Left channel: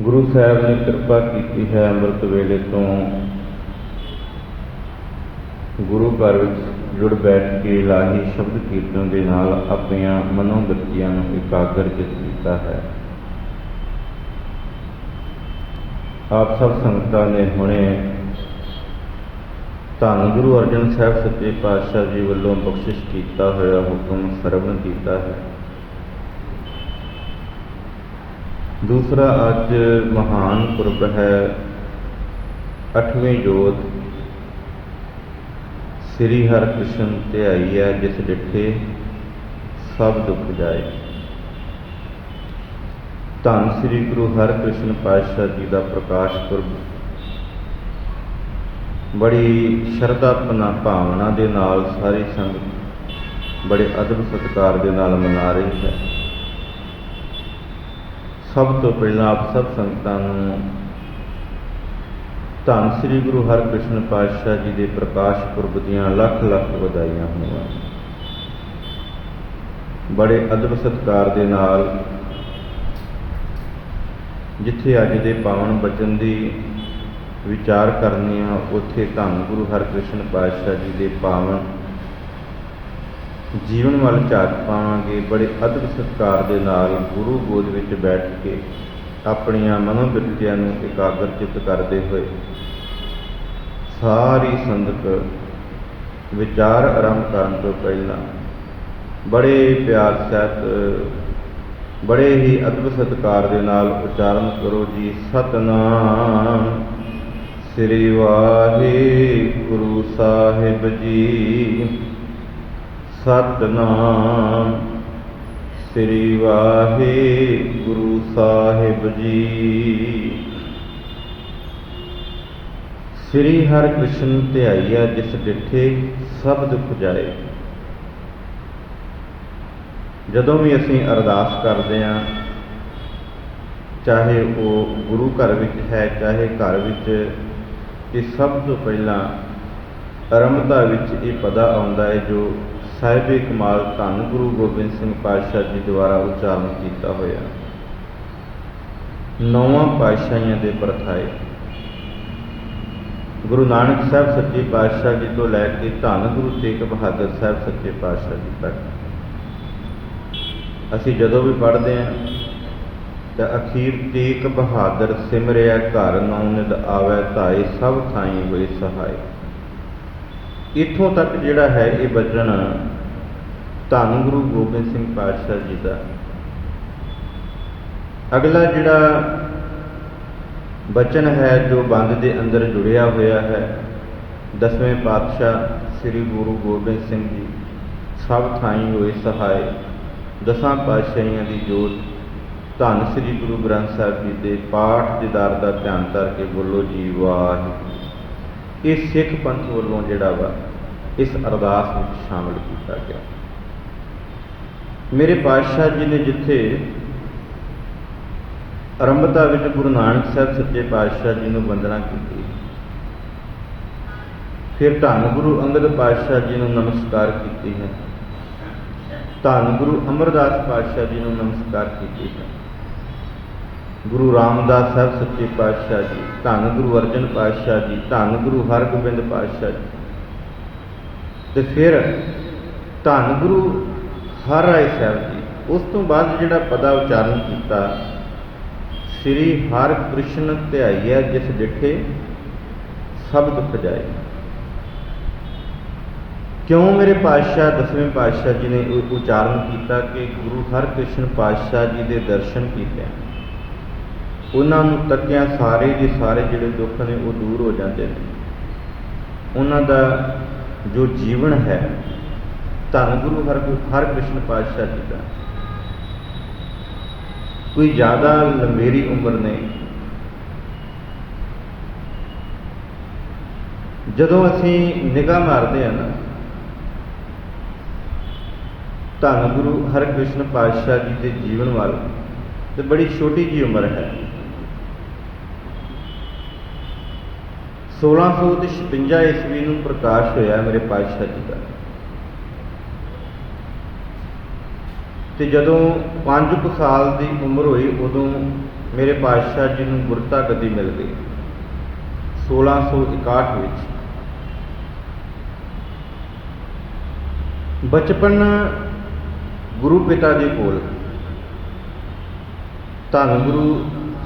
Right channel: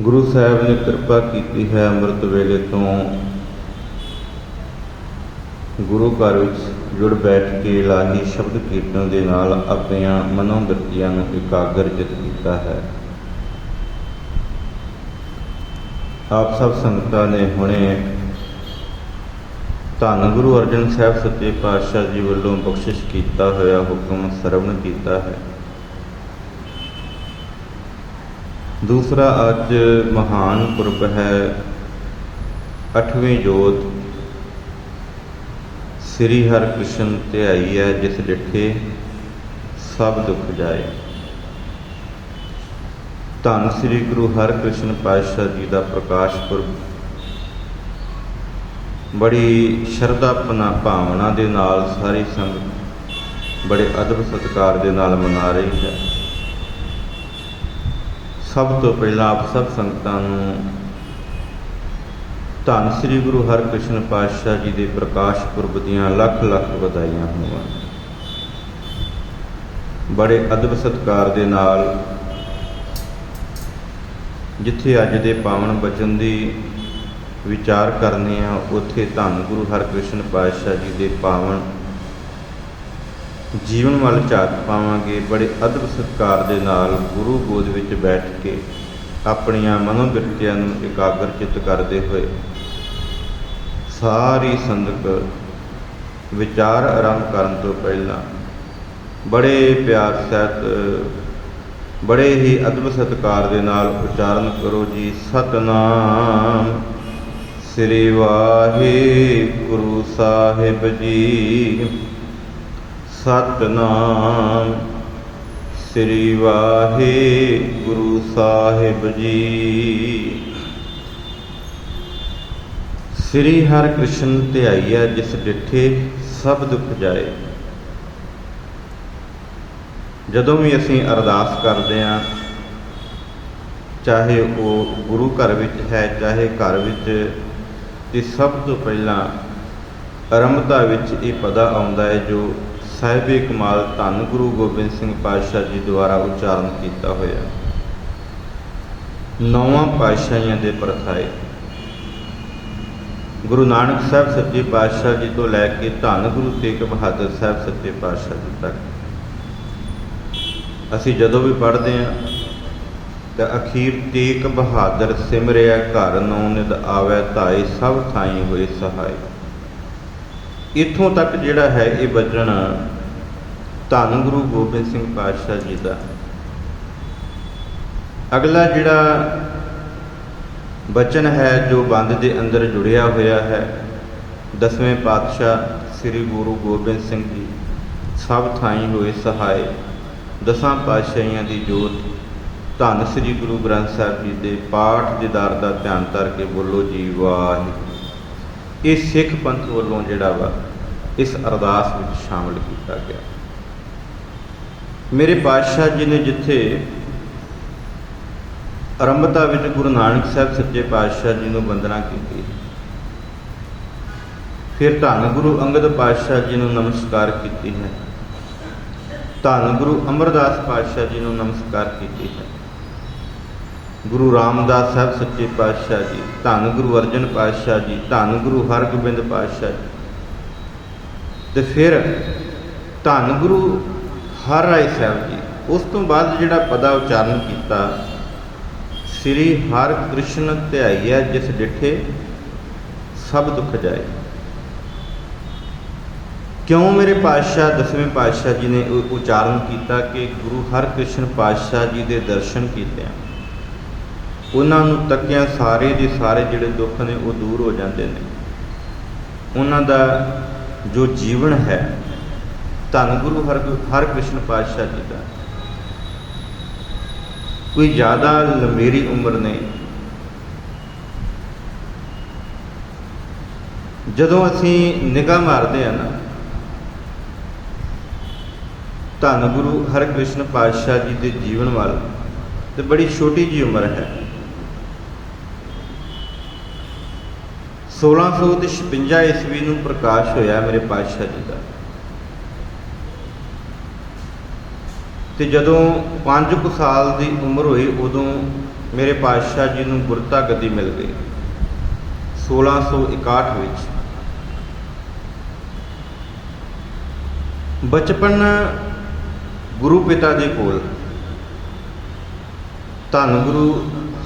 ਗੁਰੂ ਸਾਹਿਬ ਨੇ ਕਿਰਪਾ ਕੀਤੀ ਹੈ। ਅੰਮ੍ਰਿਤ ਵੇਲੇ ਤੋਂ ਗੁਰੂ ਘਰ ਵਿੱਚ ਜੁੜ ਬੈਠ ਕੇ ਇਲਾਹੀ ਸ਼ਬਦ ਕੀਰਤਨ ਦੇ ਨਾਲ ਆਪਣੀਆਂ ਮਨੋਬਿਰਤੀਆਂ ਨੂੰ ਇਕਾਗਰਚਿਤ ਕੀਤਾ ਹੈ। ਆਪ ਸਭ ਸੰਗਤਾਂ ਨੇ ਹੁਣੇ ਧੰਨ ਗੁਰੂ ਅਰਜਨ ਸਾਹਿਬ ਸੱਚੇ ਪਾਤਸ਼ਾਹ ਜੀ ਵੱਲੋਂ ਬਖਸ਼ਿਸ਼ ਕੀਤਾ ਹੋਇਆ ਹੁਕਮ ਸਰਵਣ ਕੀਤਾ ਹੈ। ਦੂਸਰਾ ਅੱਜ ਮਹਾਨ ਪੁਰਬ ਹੈ 8ਵੀਂ ਜੋਤ ਸ੍ਰੀ ਹਰਿਕ੍ਰਿਸ਼ਨ ਧਿਆਈ ਹੈ, ਜਿਸ ਡਿਠੇ ਸਭ ਦੁੱਖ ਜਾਏ। ਧੰਨ ਸ੍ਰੀ ਗੁਰੂ ਹਰਿਕ੍ਰਿਸ਼ਨ ਪਾਤਸ਼ਾਹ ਜੀ ਦਾ ਪ੍ਰਕਾਸ਼ ਪੁਰਬ ਬੜੀ ਸ਼ਰਧਾ ਭਾਵਨਾ ਦੇ ਨਾਲ ਸਾਰੀ ਸੰਗਤ ਬੜੇ ਅਦਬ ਸਤਿਕਾਰ ਦੇ ਨਾਲ ਮਨਾ ਰਹੀ ਹੈ। ਸਭ ਤੋਂ ਪਹਿਲਾਂ ਆਪ ਸਭ ਸੰਗਤਾਂ ਨੂੰ ਧੰਨ ਸ੍ਰੀ ਗੁਰੂ ਹਰਿਕ੍ਰਿਸ਼ਨ ਪਾਤਸ਼ਾਹ ਜੀ ਦੇ ਪ੍ਰਕਾਸ਼ ਪੁਰਬ ਦੀਆਂ ਲੱਖ ਲੱਖ ਵਧਾਈਆਂ ਹੋਣ। ਬੜੇ ਅਦਬ ਸਤਿਕਾਰ ਦੇ ਨਾਲ ਜਿੱਥੇ ਅੱਜ ਦੇ ਪਾਵਨ ਬਚਨ ਦੀ ਵਿਚਾਰ ਕਰਨੀ ਆ, ਉੱਥੇ ਧੰਨ ਗੁਰੂ ਹਰਿਕ੍ਰਿਸ਼ਨ ਪਾਤਸ਼ਾਹ ਜੀ ਦੇ ਪਾਵਨ ਜੀਵਨ ਵੱਲ ਝਾਕ ਪਾਵਾਂਗੇ। ਬੜੇ ਅਦਬ ਸਤਿਕਾਰ ਦੇ ਨਾਲ ਗੁਰੂ ਗੋਦ ਵਿੱਚ ਬੈਠ ਕੇ ਆਪਣੀਆਂ ਮਨੋਬਿਰਤੀਆਂ ਨੂੰ ਇਕਾਗਰਚਿਤ ਕਰਦੇ ਹੋਏ ਸਾਰੀ ਸੰਗਤ ਵਿਚਾਰ ਆਰੰਭ ਕਰਨ ਤੋਂ ਪਹਿਲਾਂ ਬੜੇ ਪਿਆਰ ਸਹਿਤ ਬੜੇ ਹੀ ਅਦਬ ਸਤਿਕਾਰ ਦੇ ਨਾਲ ਉਚਾਰਨ ਕਰੋ ਜੀ। ਸਤਿਨਾਮ ਸ੍ਰੀ ਵਾਹਿਗੁਰੂ ਸਾਹਿਬ ਜੀ। ਸਤਿਨਾਮ ਸ੍ਰੀ ਵਾਹਿਗੁਰੂ ਸਾਹਿਬ ਜੀ। ਸ੍ਰੀ ਹਰਿਕ੍ਰਿਸ਼ਨ ਧਿਆਈਆ ਜਿਸ ਡਿਠੇ ਸਭ ਦੁੱਖ ਜਾਏ। ਜਦੋਂ ਵੀ ਅਸੀਂ ਅਰਦਾਸ ਕਰਦੇ ਹਾਂ, ਚਾਹੇ ਉਹ ਗੁਰੂ ਘਰ ਵਿੱਚ ਹੈ ਚਾਹੇ ਘਰ ਵਿੱਚ, ਤੇ ਸਭ ਤੋਂ ਪਹਿਲਾਂ ਆਰੰਭਤਾ ਵਿੱਚ ਇਹ ਪਦਾ ਆਉਂਦਾ ਹੈ ਜੋ ਸਾਹਿਬੇ ਕਮਾਲ ਧੰਨ ਗੁਰੂ ਗੋਬਿੰਦ ਸਿੰਘ ਪਾਤਸ਼ਾਹ ਜੀ ਦੁਆਰਾ ਉਚਾਰਨ ਕੀਤਾ ਹੋਇਆ। 9 ਪਾਤਸ਼ਾਹੀਆਂ ਦੇ ਪ੍ਰਥਾਏ ਗੁਰੂ ਨਾਨਕ ਸਾਹਿਬ ਸੱਚੇ ਪਾਤਸ਼ਾਹ ਜੀ ਤੋਂ ਲੈ ਕੇ ਧੰਨ ਗੁਰੂ ਤੇਗ ਬਹਾਦਰ ਸਾਹਿਬ ਸੱਚੇ ਪਾਤਸ਼ਾਹ ਜੀ ਤੱਕ ਅਸੀਂ ਜਦੋਂ ਵੀ ਪੜ੍ਹਦੇ ਹਾਂ ਤਾਂ ਅਖੀਰ ਤੇਗ ਬਹਾਦਰ ਸਿਮਰਿਆ ਘਰ ਨੌ ਨਿਧ ਆਵੈ ਧਾਏ ਸਭ ਥਾਈ ਹੋਏ ਸਹਾਏ। ਇੱਥੋਂ ਤੱਕ ਜਿਹੜਾ ਹੈ ਇਹ ਬਚਨ ਧੰਨ ਗੁਰੂ ਗੋਬਿੰਦ ਸਿੰਘ ਪਾਤਸ਼ਾਹ ਜੀ ਦਾ। ਅਗਲਾ ਜਿਹੜਾ ਬਚਨ ਹੈ ਜੋ ਬੰਦ ਦੇ ਅੰਦਰ ਜੁੜਿਆ ਹੋਇਆ ਹੈ, 10ਵੇਂ ਪਾਤਸ਼ਾਹ ਸ੍ਰੀ ਗੁਰੂ ਗੋਬਿੰਦ ਸਿੰਘ ਜੀ ਸਭ ਥਾਈ ਹੋਏ ਸਹਾਏ। 10 ਪਾਤਸ਼ਾਹੀਆਂ ਦੀ ਜੋਤ ਧੰਨ ਸ੍ਰੀ ਗੁਰੂ ਗ੍ਰੰਥ ਸਾਹਿਬ ਜੀ ਦੇ ਪਾਠ ਦੀਦਾਰ ਦਾ ਧਿਆਨ ਧਰ ਕੇ ਬੋਲੋ ਜੀ ਵਾਹਿਗੁਰੂ। ਇਹ ਸਿੱਖ ਪੰਥ ਵੱਲੋਂ ਜਿਹੜਾ ਵਾ ਇਸ ਅਰਦਾਸ ਵਿੱਚ ਸ਼ਾਮਿਲ ਕੀਤਾ ਗਿਆ। ਮੇਰੇ ਪਾਤਸ਼ਾਹ ਜੀ ਨੇ ਜਿੱਥੇ ਆਰੰਭਤਾ ਵਿੱਚ ਗੁਰੂ ਨਾਨਕ ਸਾਹਿਬ ਸੱਚੇ ਪਾਤਸ਼ਾਹ ਜੀ ਨੂੰ ਵੰਦਨਾ ਕੀਤੀ, ਫਿਰ ਧੰਨ ਗੁਰੂ ਅੰਗਦ ਪਾਤਸ਼ਾਹ ਜੀ ਨੂੰ ਨਮਸਕਾਰ ਕੀਤੀ ਹੈ, ਧੰਨ ਗੁਰੂ ਅਮਰਦਾਸ ਪਾਤਸ਼ਾਹ ਜੀ ਨੂੰ ਨਮਸਕਾਰ ਕੀਤੀ ਹੈ, ਗੁਰੂ ਰਾਮਦਾਸ ਸਾਹਿਬ ਸੱਚੇ ਪਾਤਸ਼ਾਹ ਜੀ, ਧੰਨ ਗੁਰੂ ਅਰਜਨ ਪਾਤਸ਼ਾਹ ਜੀ, ਧੰਨ ਗੁਰੂ ਹਰਗੋਬਿੰਦ ਪਾਤਸ਼ਾਹ ਜੀ, ਤੇ ਫਿਰ ਧੰਨ ਗੁਰੂ ਹਰ ਰਾਏ ਸਾਹਿਬ ਜੀ। ਉਸ ਤੋਂ ਬਾਅਦ ਜਿਹੜਾ ਪਦਾ ਉਚਾਰਨ ਕੀਤਾ, ਸ੍ਰੀ ਹਰਿਕ੍ਰਿਸ਼ਨ ਧਿਆਈਆ ਜਿਸ ਡਿਠੇ ਸਭ ਦੁੱਖ ਜਾਏ। ਕਿਉਂ ਮੇਰੇ ਪਾਤਸ਼ਾਹ 10ਵੇਂ ਪਾਤਸ਼ਾਹ ਜੀ ਨੇ ਉਚਾਰਨ ਕੀਤਾ ਕਿ ਗੁਰੂ ਹਰਿਕ੍ਰਿਸ਼ਨ ਪਾਤਸ਼ਾਹ ਜੀ ਦੇ ਦਰਸ਼ਨ ਕੀਤੇ, ਉਹਨਾਂ ਨੂੰ ਤੱਕਿਆ ਸਾਰੇ ਦੇ ਸਾਰੇ ਜਿਹੜੇ ਦੁੱਖ ਨੇ ਉਹ ਦੂਰ ਹੋ ਜਾਂਦੇ ਨੇ। ਉਹਨਾਂ ਦਾ ਜੋ ਜੀਵਨ ਹੈ ਧੰਨ ਗੁਰੂ ਹਰਿਕ੍ਰਿਸ਼ਨ ਪਾਤਸ਼ਾਹ ਜੀ ਦਾ, ਕੋਈ ਜ਼ਿਆਦਾ ਲੰਬੇਰੀ ਉਮਰ ਨਹੀਂ। ਜਦੋਂ ਅਸੀਂ ਨਿਗਾਹ ਮਾਰਦੇ ਹਾਂ ਨਾ ਧੰਨ ਗੁਰੂ ਹਰਿਕ੍ਰਿਸ਼ਨ ਪਾਤਸ਼ਾਹ ਜੀ ਦੇ ਜੀਵਨ ਵੱਲ, ਤੇ ਬੜੀ ਛੋਟੀ ਜਿਹੀ ਉਮਰ ਹੈ। 1656 ਈਸਵੀ ਨੂੰ ਪ੍ਰਕਾਸ਼ ਹੋਇਆ ਮੇਰੇ ਪਾਤਸ਼ਾਹ ਜੀ ਦਾ, ਤੇ ਜਦੋਂ 5 ਸਾਲ ਦੀ ਉਮਰ ਹੋਈ ਉਦੋਂ मेरे पातशाह जी नूं गुरता गद्दी मिल गई 1661 विच। बचपन गुरु पिता दे कोल, धन गुरु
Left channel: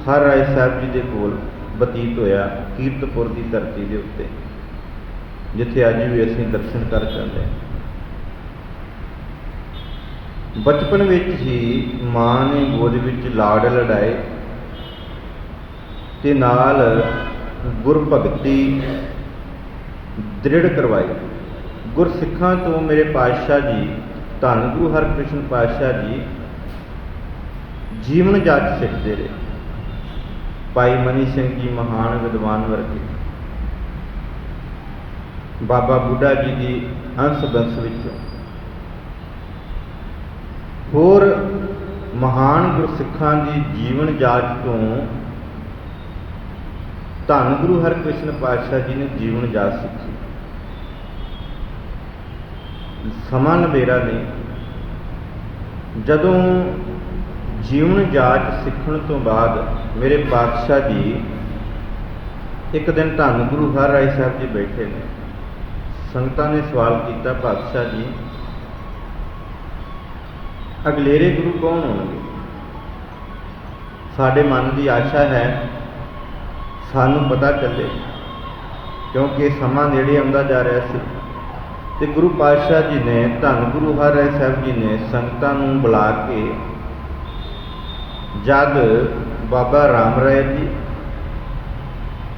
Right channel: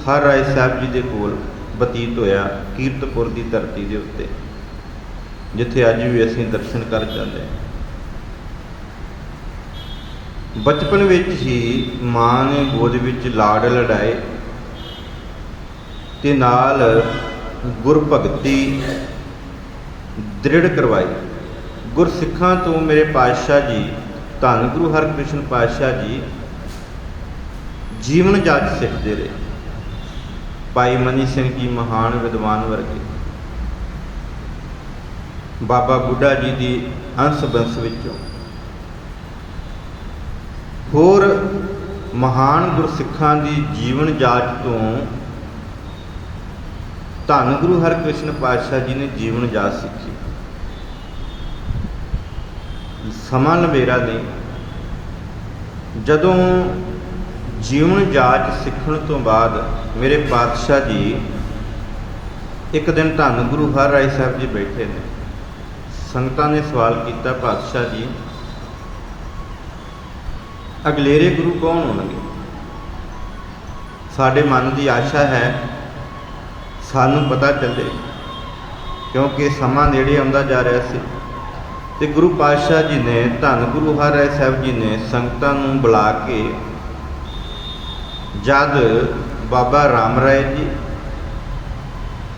हर राय साहब जी दे कोल बतीत होया, कीरतपुर की धरती के उत्ते, जिथे अज भी असीं दर्शन कर जाते हैं। बचपन विच ही मां ने गोद विच लाड़ लड़ाए ते नाल गुरभगती दृढ़ करवाई। गुरसिखां तो मेरे पातशाह जी धन गुरु हरकृष्ण पातशाह जी जीवन जाच सिखते रहे। भाई मनी सिंह जी महान विद्वान वर्गे, बाबा बुढ़ा जी की अंश बंश विचों होर महान गुरसिखां की जीवन जाच तो धन गुरु हरकृष्ण पातशाह जी ने जीवन जाच सीखी। समा नवेरा नहीं, जदों जीवन जाच सीखण तो बाद मेरे पातशाह जी एक दिन धन गुरु हर राय साहब जी बैठे ने। संगतां ने सवाल किया, पातशाह जी अगलेरे गुरु कौन होणगे? साडे मन की आशा है सानू पता चले, क्योंकि समा नेड़े आउंदा जा रहा सी। ते गुरु पातशाह जी ने धन गुरु हर राय साहब जी ने संगतां नूं बुला के जद बाबा राम राय जी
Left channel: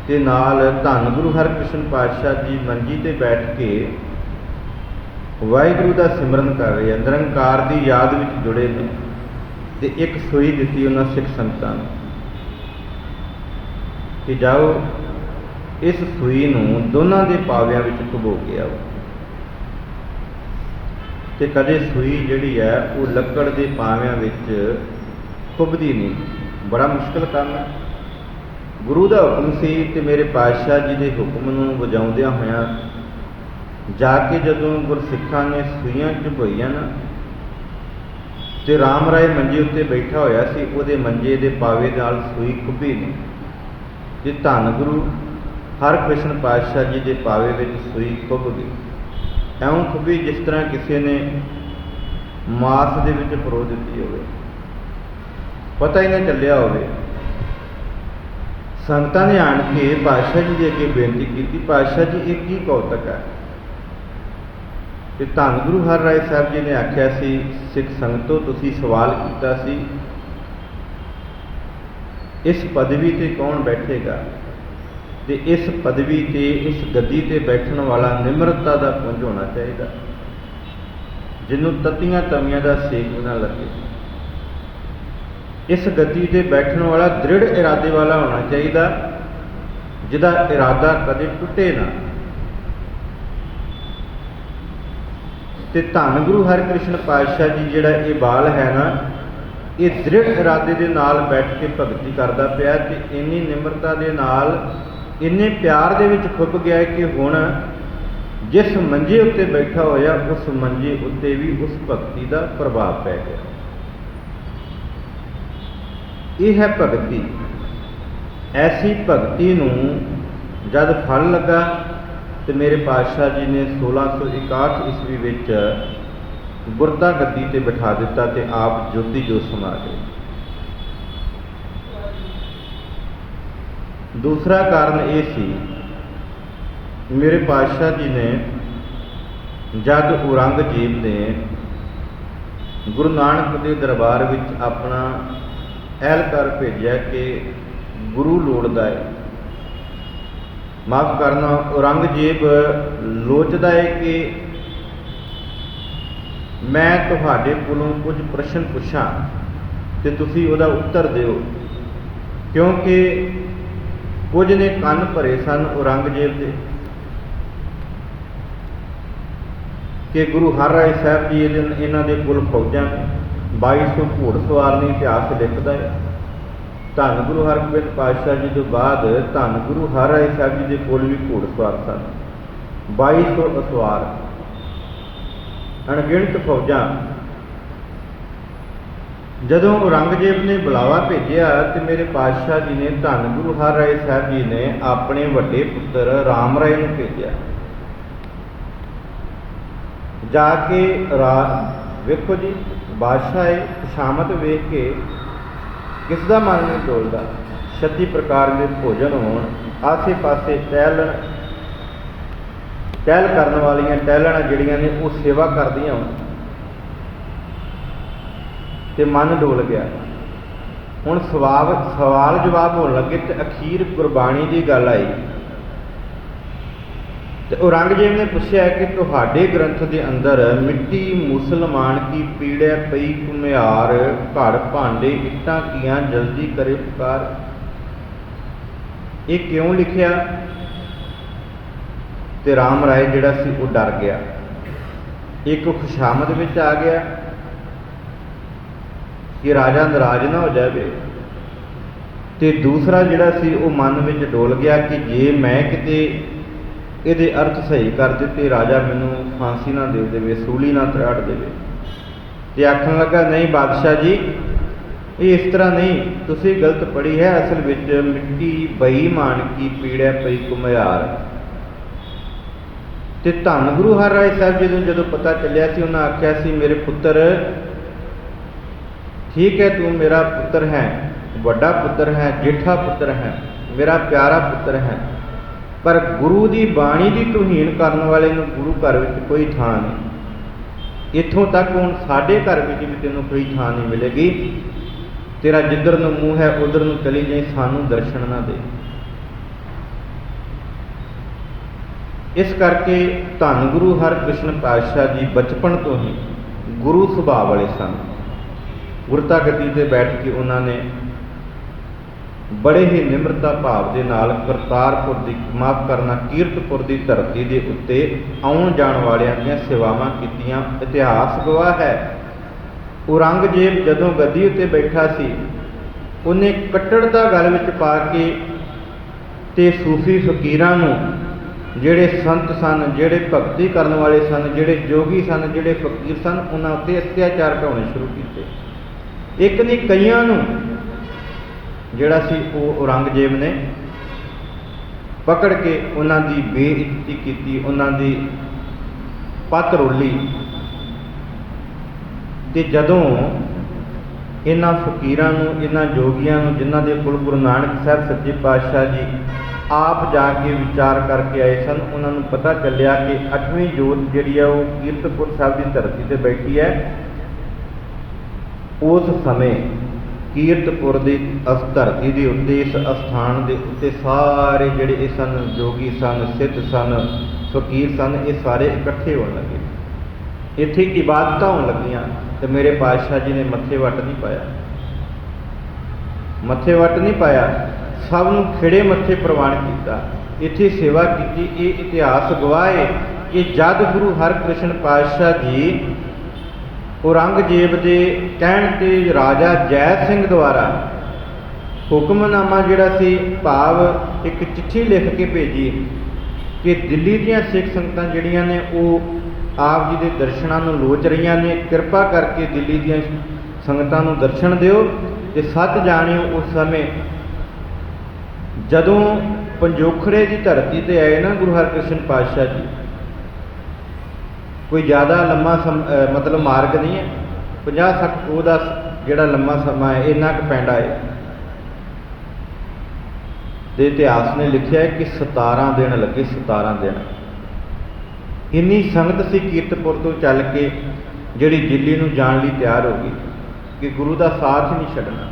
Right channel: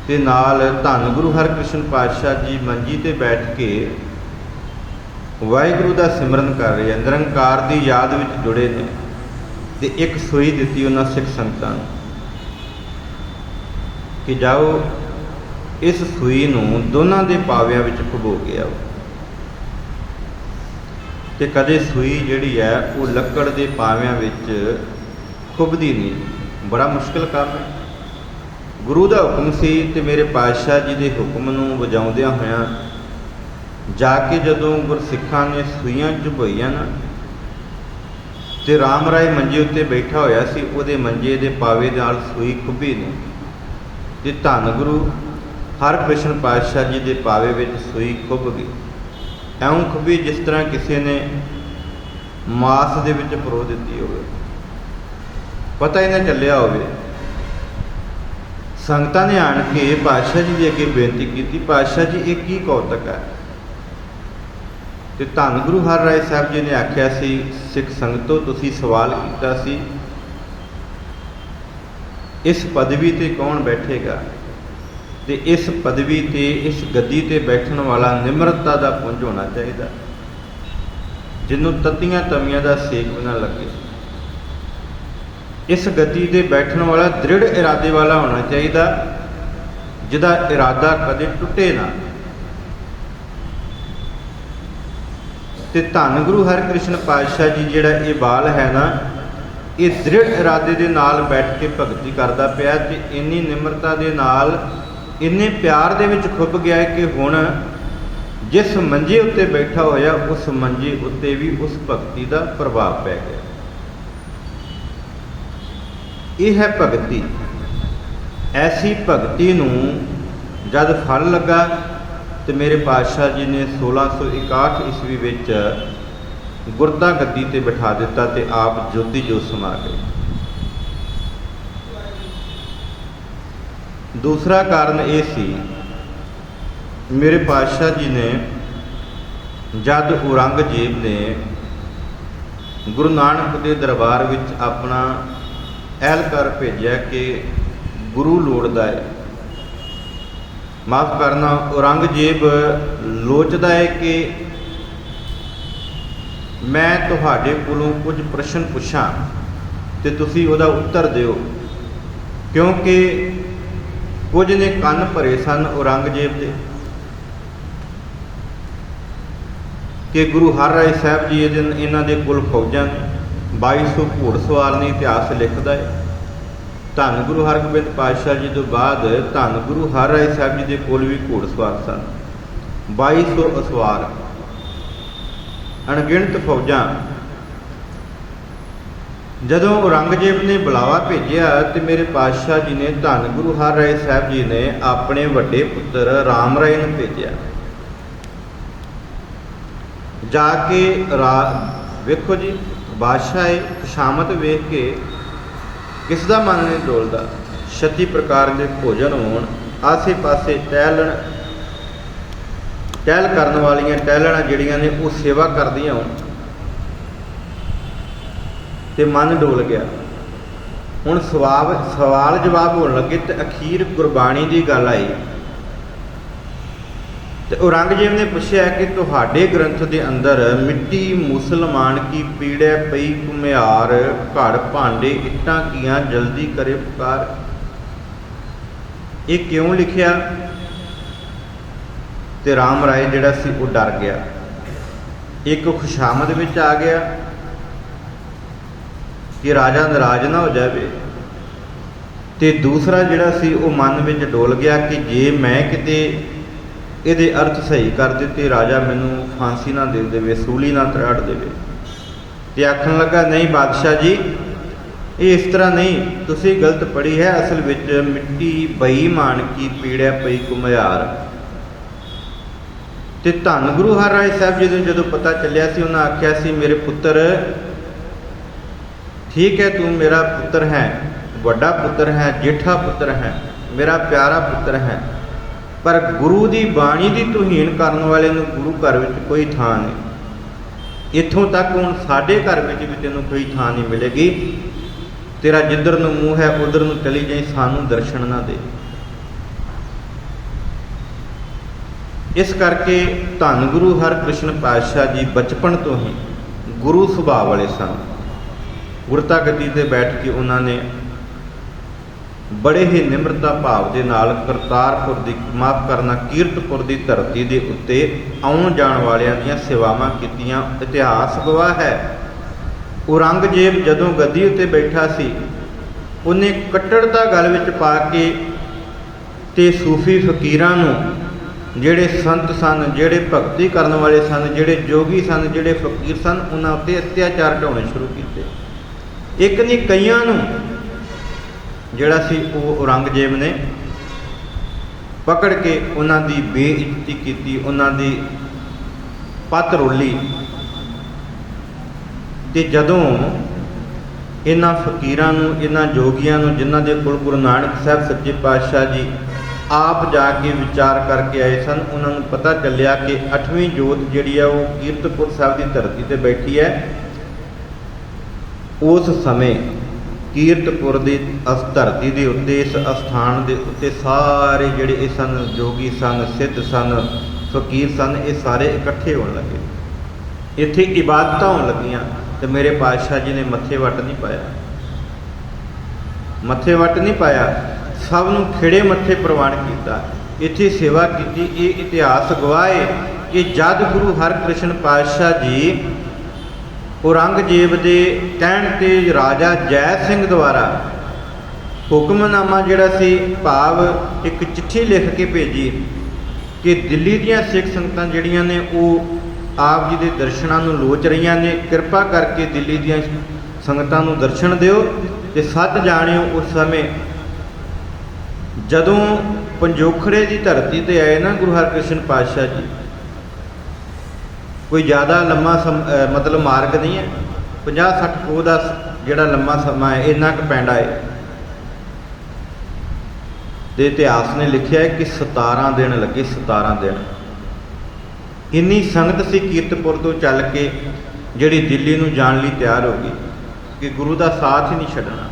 ते नाल धन गुरु हरकृष्ण पातशाह जी मंजी ते बैठ के वाहिगुरू का सिमरन कर रहे हैं, निरंकार की याद में जुड़े ने, ते एक सूई दी उन्होंने सिख संगतां कि जाओ इस सूई नूं दोनों के पावियां विच खुबो के आओ। ते कदे सूई जिहड़ी है वो लक्कड़ के पावियां विच खुबदी नहीं, बड़ा मुश्किल काम है। गुरु का हुक्म सी ते मेरे पातशाह जी के हुक्म नूं वजाउंदियां होइयां जाके जदों गुरसिखां ने सूइयां चुभोईयां ना, ते राम राय मंजे उत्ते बैठा होया सी, उहदे मंजे दे पावे नाल सूई खुबी नहीं, ते धन गुरु हरकृष्ण पातशाह जी के पावे विच सूई खुब गई। ऐं खुबी जिस तरह किसी ने मास दे विच परो दित्ती होवे, पता ही नहीं चलिया होवे। संगतां ने आण के पातशाह जी के अगे बेनती की, पातशाह जी ये की कौतक है? तो धन गुरु हर राय साहब जी ने आख्या सी, सिख संगतों तुसी सवाल किया सी इस पदवी ते कौन बैठेगा, ते इस पदवी ते इस गद्दी ते बैठण वाला निमरता का पुंज होना चाहिए, जिन्हों तत्तियां तवियां का सेक न लगे। इस गद्दी ते बैठण वाला दृढ़ इरादे वाला होना चाहिए, जिहदा इरादा कदे टुटे ना। ते धन गुरु हरकृष्ण पातशाह जी जिहड़ा ये बाल है ना, ये दृढ़ इरादे दे नाल बैठ के भगती करदा पिया, ते इन्नी निमरता दे नाल इन्ने प्यार दे विच खुब गया कि हुण जिस मंजे उत्ते बैठा होया उस मंजे उत्ते भी उस भगती का प्रभाव पै गया। यह है भगती। ऐसी भगती नूं जद फल लगा तो मेरे पातशाह जी ने 1661 ईस्वी विच गुरता गद्दी ते बिठा दिता ते आप ज्योति जो समा गए। दूसरा कारण ये सी, मेरे पातशाह जी ने जद औरंगजेब ने गुरु नानक के दरबार विच अपना एहलकार भेजा कि गुरु लोड़दा है, माफ़ करना औरंगजेब लोचदा है कि मैं तुहाडे कोलों कुछ प्रश्न पुछां ते तुसीं उहदा उत्तर दिओ, क्योंकि कुछ ने कन भरे सन औरंगजेब दे कि गुरु हर राय साहब जी इन्हां दे कोल फौजां 2200 घोड़सवार ने इतिहास लिखदा है। धन गुरु हरगोबिंद पातशाह जी तो बाद धन गुरु हर राय साहब जी के कोल भी घोड़सवार सन, 2200 असवार, अणगिणत फौजां। ਜਦੋਂ ਔਰੰਗਜ਼ੇਬ ਨੇ ਬੁਲਾਵਾ ਭੇਜਿਆ ਤੇ ਮੇਰੇ ਪਾਤਸ਼ਾਹ ਜੀ ਨੇ ਧੰਨ ਗੁਰੂ ਹਰਿਰਾਏ ਸਾਹਿਬ ਜੀ ਨੇ ਆਪਣੇ ਵੱਡੇ ਪੁੱਤਰ ਰਾਮ ਰਾਏ ਨੂੰ ਭੇਜਿਆ। ਜਾ ਕੇ ਵੇਖੋ ਜੀ, ਬਾਦਸ਼ਾਹ ਇਹ ਖੁਸ਼ਾਮਦ ਵੇਖ ਕੇ ਕਿਸ ਦਾ ਮਨ ਨਹੀਂ ਡੋਲਦਾ। 36 ਪ੍ਰਕਾਰ ਦੇ ਭੋਜਨ ਹੋਣ, ਆਸੇ ਪਾਸੇ ਟਹਿਲ ਕਰਨ ਵਾਲੀਆਂ ਟਹਿਲਣਾ ਜਿਹੜੀਆਂ ਨੇ ਉਹ ਸੇਵਾ ਕਰਦੀਆਂ ਹੋਣ ਤੇ ਮਨ ਡੋਲ ਗਿਆ। ਹੁਣ ਸਵਾਲ ਜਵਾਬ ਹੋਣ ਲੱਗੇ ਤੇ ਅਖੀਰ ਗੁਰਬਾਣੀ ਦੀ ਗੱਲ ਆਈ ਤੇ ਔਰੰਗਜ਼ੇਬ ਨੇ ਪੁੱਛਿਆ ਕਿ ਤੁਹਾਡੇ ਗ੍ਰੰਥ ਦੇ ਅੰਦਰ ਮਿੱਟੀ ਮੁਸਲਮਾਨ ਕੀ ਪੀੜੈ ਪਈ ਘੁਮਿਆਰ, ਘੜ ਭਾਂਡੇ ਇੱਟਾਂ ਕੀਆਂ ਜਲਦੀ ਕਰੇ ਪੁਕਾਰ, ਇਹ ਕਿਉਂ ਲਿਖਿਆ? ਤੇ ਰਾਮ ਰਾਏ ਜਿਹੜਾ ਸੀ ਉਹ ਡਰ ਗਿਆ। ਇੱਕ ਖੁਸ਼ਾਮਦ ਵਿੱਚ ਆ ਗਿਆ ਕਿ ਰਾਜਾ ਨਾਰਾਜ਼ ਨਾ ਹੋ ਜਾਵੇ, ਤੇ ਦੂਸਰਾ ਜਿਹੜਾ ਸੀ ਉਹ ਮਨ ਵਿੱਚ ਡੋਲ ਗਿਆ ਕਿ ਜੇ ਮੈਂ ਕਿਤੇ ਇਹਦੇ ਅਰਥ ਸਹੀ ਕਰ ਦਿੱਤੇ, ਰਾਜਾ ਮੈਨੂੰ ਫਾਂਸੀ ਨਾ ਦੇ ਦੇਵੇ, ਸੂਲੀ ਨਾ ਤਰਾੜ ਦੇਵੇ। ਤੇ ਆਖਣ ਲੱਗਾ, ਨਹੀਂ ਬਾਦਸ਼ਾਹ ਜੀ, ਇਹ ਇਸ ਤਰ੍ਹਾਂ ਨਹੀਂ, ਤੁਸੀਂ ਗਲਤ ਪੜ੍ਹੀ ਹੈ। ਅਸਲ ਵਿੱਚ ਮਿੱਟੀ ਬੇਈਮਾਨ ਕੀ ਪੀੜੈ ਪਈ ਘੁਮਿਆਰ। ਤੇ ਧੰਨ ਗੁਰੂ ਹਰਿਰਾਏ ਸਾਹਿਬ ਜੀ ਨੂੰ ਜਦੋਂ ਪਤਾ ਚੱਲਿਆ ਸੀ, ਉਹਨਾਂ ਆਖਿਆ ਸੀ, ਮੇਰੇ ਪੁੱਤਰ, ਠੀਕ ਹੈ, ਤੂੰ ਮੇਰਾ ਪੁੱਤਰ ਹੈ, ਵੱਡਾ ਪੁੱਤਰ ਹੈ, ਜੇਠਾ ਪੁੱਤਰ ਹੈ, ਮੇਰਾ ਪਿਆਰਾ ਪੁੱਤਰ ਹੈ, ਪਰ ਗੁਰੂ ਦੀ ਬਾਣੀ ਦੀ ਤੋਹੀਨ ਕਰਨ ਵਾਲੇ ਨੂੰ ਗੁਰੂ ਘਰ ਵਿੱਚ ਕੋਈ ਥਾਂ ਨਹੀਂ। ਇੱਥੋਂ ਤੱਕ ਹੁਣ ਸਾਡੇ ਘਰ ਵਿੱਚ ਵੀ ਤੈਨੂੰ ਕੋਈ ਥਾਂ ਨਹੀਂ ਮਿਲੇਗੀ। ਤੇਰਾ ਜਿੱਧਰ ਨੂੰ ਮੂੰਹ ਹੈ ਉਧਰ ਨੂੰ ਚਲੀ ਜਾਈਂ, ਸਾਨੂੰ ਦਰਸ਼ਨ ਨਾ ਦੇ। ਇਸ ਕਰਕੇ ਧੰਨ ਗੁਰੂ ਹਰਿਕ੍ਰਿਸ਼ਨ ਪਾਤਸ਼ਾਹ ਜੀ ਬਚਪਨ ਤੋਂ ਹੀ ਗੁਰੂ ਸੁਭਾਅ ਵਾਲੇ ਸਨ। ਗੁਰਤਾ ਗੱਦੀ ਤੇ ਬੈਠ ਕੇ ਉਹਨਾਂ ਨੇ ਬੜੇ ਹੀ ਨਿਮਰਤਾ ਭਾਵ ਦੇ ਨਾਲ ਕਰਤਾਰਪੁਰ ਦੀ ਕੀਰਤਪੁਰ ਦੀ ਧਰਤੀ ਦੇ ਉੱਤੇ ਆਉਣ ਜਾਣ ਵਾਲਿਆਂ ਦੀਆਂ ਸੇਵਾਵਾਂ ਕੀਤੀਆਂ। ਇਤਿਹਾਸ ਗਵਾਹ ਹੈ, ਔਰੰਗਜ਼ੇਬ ਜਦੋਂ ਗੱਦੀ ਉੱਤੇ ਬੈਠਾ ਸੀ, ਉਹਨੇ ਕੱਟੜਤਾ ਗਲ ਵਿੱਚ ਪਾ ਕੇ ਤੇ ਸੂਫੀ ਫਕੀਰਾਂ ਨੂੰ, ਜਿਹੜੇ ਸੰਤ ਸਨ, ਜਿਹੜੇ ਭਗਤੀ ਕਰਨ ਵਾਲੇ ਸਨ, ਜਿਹੜੇ ਜੋਗੀ ਸਨ, ਜਿਹੜੇ ਫਕੀਰ ਸਨ, ਉਹਨਾਂ ਉੱਤੇ ਅਤਿਆਚਾਰ ਢਾਉਣੇ ਸ਼ੁਰੂ ਕੀਤੇ। ਇੱਕ ਨਹੀਂ, ਕਈਆਂ ਨੂੰ ਜਿਹੜਾ ਸੀ ਉਹ ਔਰੰਗਜ਼ੇਬ ਨੇ ਪਕੜ ਕੇ ਉਹਨਾਂ ਦੀ ਬੇਇੱਜ਼ਤੀ ਕੀਤੀ, ਉਹਨਾਂ ਦੀ ਪੱਤ ਰੋਲੀ। ਤੇ ਜਦੋਂ ਇਹਨਾਂ ਫਕੀਰਾਂ ਨੂੰ, ਇਹਨਾਂ ਜੋਗੀਆਂ ਨੂੰ, ਜਿਨ੍ਹਾਂ ਦੇ ਕੋਲ ਗੁਰੂ ਨਾਨਕ ਸਾਹਿਬ ਸੱਚੇ ਪਾਤਸ਼ਾਹ ਜੀ ਆਪ ਜਾ ਕੇ ਵਿਚਾਰ ਕਰਕੇ ਆਏ ਸਨ, ਉਹਨਾਂ ਨੂੰ ਪਤਾ ਚੱਲਿਆ ਕਿ 8ਵੀਂ ਜੋਤ ਜਿਹੜੀ ਆ ਉਹ ਕੀਰਤਪੁਰ ਸਾਹਿਬ ਦੀ ਧਰਤੀ ਤੇ ਬੈਠੀ ਹੈ। ਉਸ ਸਮੇਂ ਕੀਰਤਪੁਰ ਦੀ ਇਸ ਧਰਤੀ ਦੇ ਉੱਤੇ, ਇਸ ਅਸਥਾਨ ਦੇ ਉੱਤੇ ਸਾਰੇ ਜਿਹੜੇ ਇਹ ਸਨ, ਜੋਗੀ ਸਨ, ਸਿੱਧ ਸਨ, ਫਕੀਰ ਸਨ, ਇਹ ਸਾਰੇ ਇਕੱਠੇ ਹੋਣ ਲੱਗੇ। ਇੱਥੇ ਇਬਾਦਤਾਂ ਹੋਣ ਲੱਗੀਆਂ ਤੇ ਮੇਰੇ ਪਾਤਸ਼ਾਹ ਜੀ ਨੇ ਮੱਥੇ ਵੱਟ ਨਹੀਂ ਪਾਇਆ, ਮੱਥੇ ਵੱਟ ਨਹੀਂ ਪਾਇਆ, ਸਭ ਨੂੰ ਖਿੜੇ ਮੱਥੇ ਪ੍ਰਵਾਨ ਕੀਤਾ, ਇੱਥੇ ਸੇਵਾ ਕੀਤੀ। ਇਹ ਇਤਿਹਾਸ ਗਵਾਹ ਹੈ ਕਿ ਜਦ ਗੁਰੂ ਹਰਿਕ੍ਰਿਸ਼ਨ ਪਾਤਸ਼ਾਹ ਜੀ ਔਰੰਗਜ਼ੇਬ ਦੇ ਕਹਿਣ ਤੇ ਰਾਜਾ ਜੈ ਸਿੰਘ ਦੁਆਰਾ ਹੁਕਮਨਾਮਾ ਜਿਹੜਾ ਸੀ, ਭਾਵ ਇੱਕ ਚਿੱਠੀ ਲਿਖ ਕੇ ਭੇਜੀ ਕਿ ਦਿੱਲੀ ਦੀਆਂ ਸਿੱਖ ਸੰਗਤਾਂ ਜਿਹੜੀਆਂ ਨੇ ਉਹ ਆਪ ਜੀ ਦੇ ਦਰਸ਼ਨਾਂ ਨੂੰ ਲੋਚ ਰਹੀਆਂ ਨੇ, ਕਿਰਪਾ ਕਰਕੇ ਦਿੱਲੀ ਦੀਆਂ ਸੰਗਤਾਂ ਨੂੰ ਦਰਸ਼ਨ ਦਿਓ। ਤੇ ਸੱਚ ਜਾਣਿਓ, ਉਸ ਸਮੇਂ ਜਦੋਂ ਪੰਜੋਖੜੇ ਦੀ ਧਰਤੀ ਤੇ ਆਏ ਨਾ ਗੁਰੂ ਹਰਿਕ੍ਰਿਸ਼ਨ ਪਾਤਸ਼ਾਹ ਜੀ, ਕੋਈ ਜ਼ਿਆਦਾ ਲੰਮਾ ਮਤਲਬ ਮਾਰਗ ਨਹੀਂ ਹੈ, 50-60 ਕੋਹ ਦਾ ਜਿਹੜਾ ਲੰਮਾ ਸਮਾਂ ਹੈ, ਇੰਨਾ ਕੁ ਪੈਂਡਾ ਹੈ। ਤੇ ਇਤਿਹਾਸ ਨੇ ਲਿਖਿਆ ਹੈ ਕਿ 17 ਦਿਨ ਲੱਗੇ, 17 ਦਿਨ। ਇੰਨੀ ਸੰਗਤ ਸੀ ਕੀਰਤਪੁਰ ਤੋਂ ਚੱਲ ਕੇ ਜਿਹੜੀ ਦਿੱਲੀ ਨੂੰ ਜਾਣ ਲਈ ਤਿਆਰ ਹੋ ਗਈ ਕਿ ਗੁਰੂ ਦਾ ਸਾਥ ਹੀ ਨਹੀਂ ਛੱਡਣਾ।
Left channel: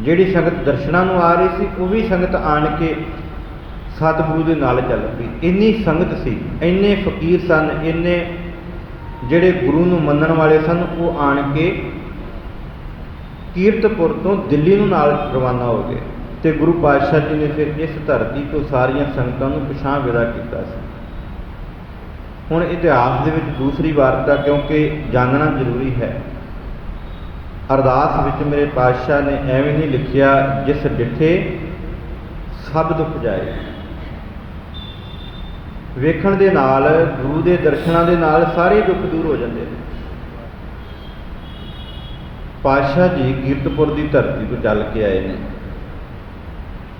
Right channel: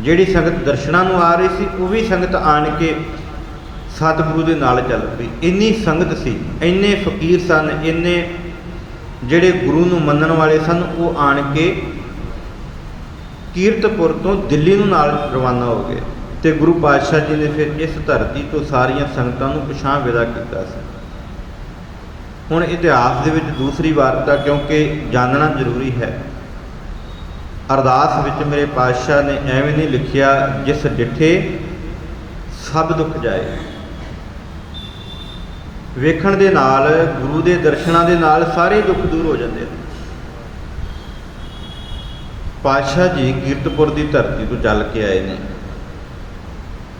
ਜਿਹੜੀ ਸੰਗਤ ਦਰਸ਼ਨਾਂ ਨੂੰ ਆ ਰਹੀ ਸੀ, ਉਹ ਵੀ ਸੰਗਤ ਆਣ ਕੇ ਸਤਿਗੁਰੂ ਦੇ ਨਾਲ ਚੱਲ ਪਈ। ਇੰਨੀ ਸੰਗਤ ਸੀ, ਇੰਨੇ ਫਕੀਰ ਸਨ, ਇੰਨੇ ਜਿਹੜੇ ਗੁਰੂ ਨੂੰ ਮੰਨਣ ਵਾਲੇ ਸਨ, ਉਹ ਆਣ ਕੇ ਕੀਰਤਪੁਰ ਤੋਂ ਦਿੱਲੀ ਨੂੰ ਨਾਲ ਰਵਾਨਾ ਹੋ ਗਏ। ਤੇ ਗੁਰੂ ਪਾਤਸ਼ਾਹ ਜੀ ਨੇ ਫਿਰ ਇਸ ਧਰਤੀ ਤੋਂ ਸਾਰੀਆਂ ਸੰਗਤਾਂ ਨੂੰ ਪਿਛਾਂਹ ਵਿਦਾ ਕੀਤਾ ਸੀ। ਹੁਣ ਇਤਿਹਾਸ ਦੇ ਵਿੱਚ ਦੂਸਰੀ ਵਾਰਤਾ, ਕਿਉਂਕਿ ਜਾਣਨਾ ਜ਼ਰੂਰੀ ਹੈ, ਅਰਦਾਸ ਵਿੱਚ ਮੇਰੇ ਪਾਤਸ਼ਾਹ ਨੇ ਐਵੇਂ ਨਹੀਂ ਲਿਖਿਆ, ਜਿਸ ਡਿੱਠੇ ਸਭ ਦੁੱਖ ਜਾਏ। ਵੇਖਣ ਦੇ ਨਾਲ, ਗੁਰੂ ਦੇ ਦਰਸ਼ਨਾਂ ਦੇ ਨਾਲ ਸਾਰੇ ਦੁੱਖ ਦੂਰ ਹੋ ਜਾਂਦੇ ਨੇ। ਪਾਤਸ਼ਾਹ ਜੀ ਕੀਰਤਪੁਰ ਦੀ ਧਰਤੀ ਤੋਂ ਚੱਲ ਕੇ ਆਏ ਨੇ।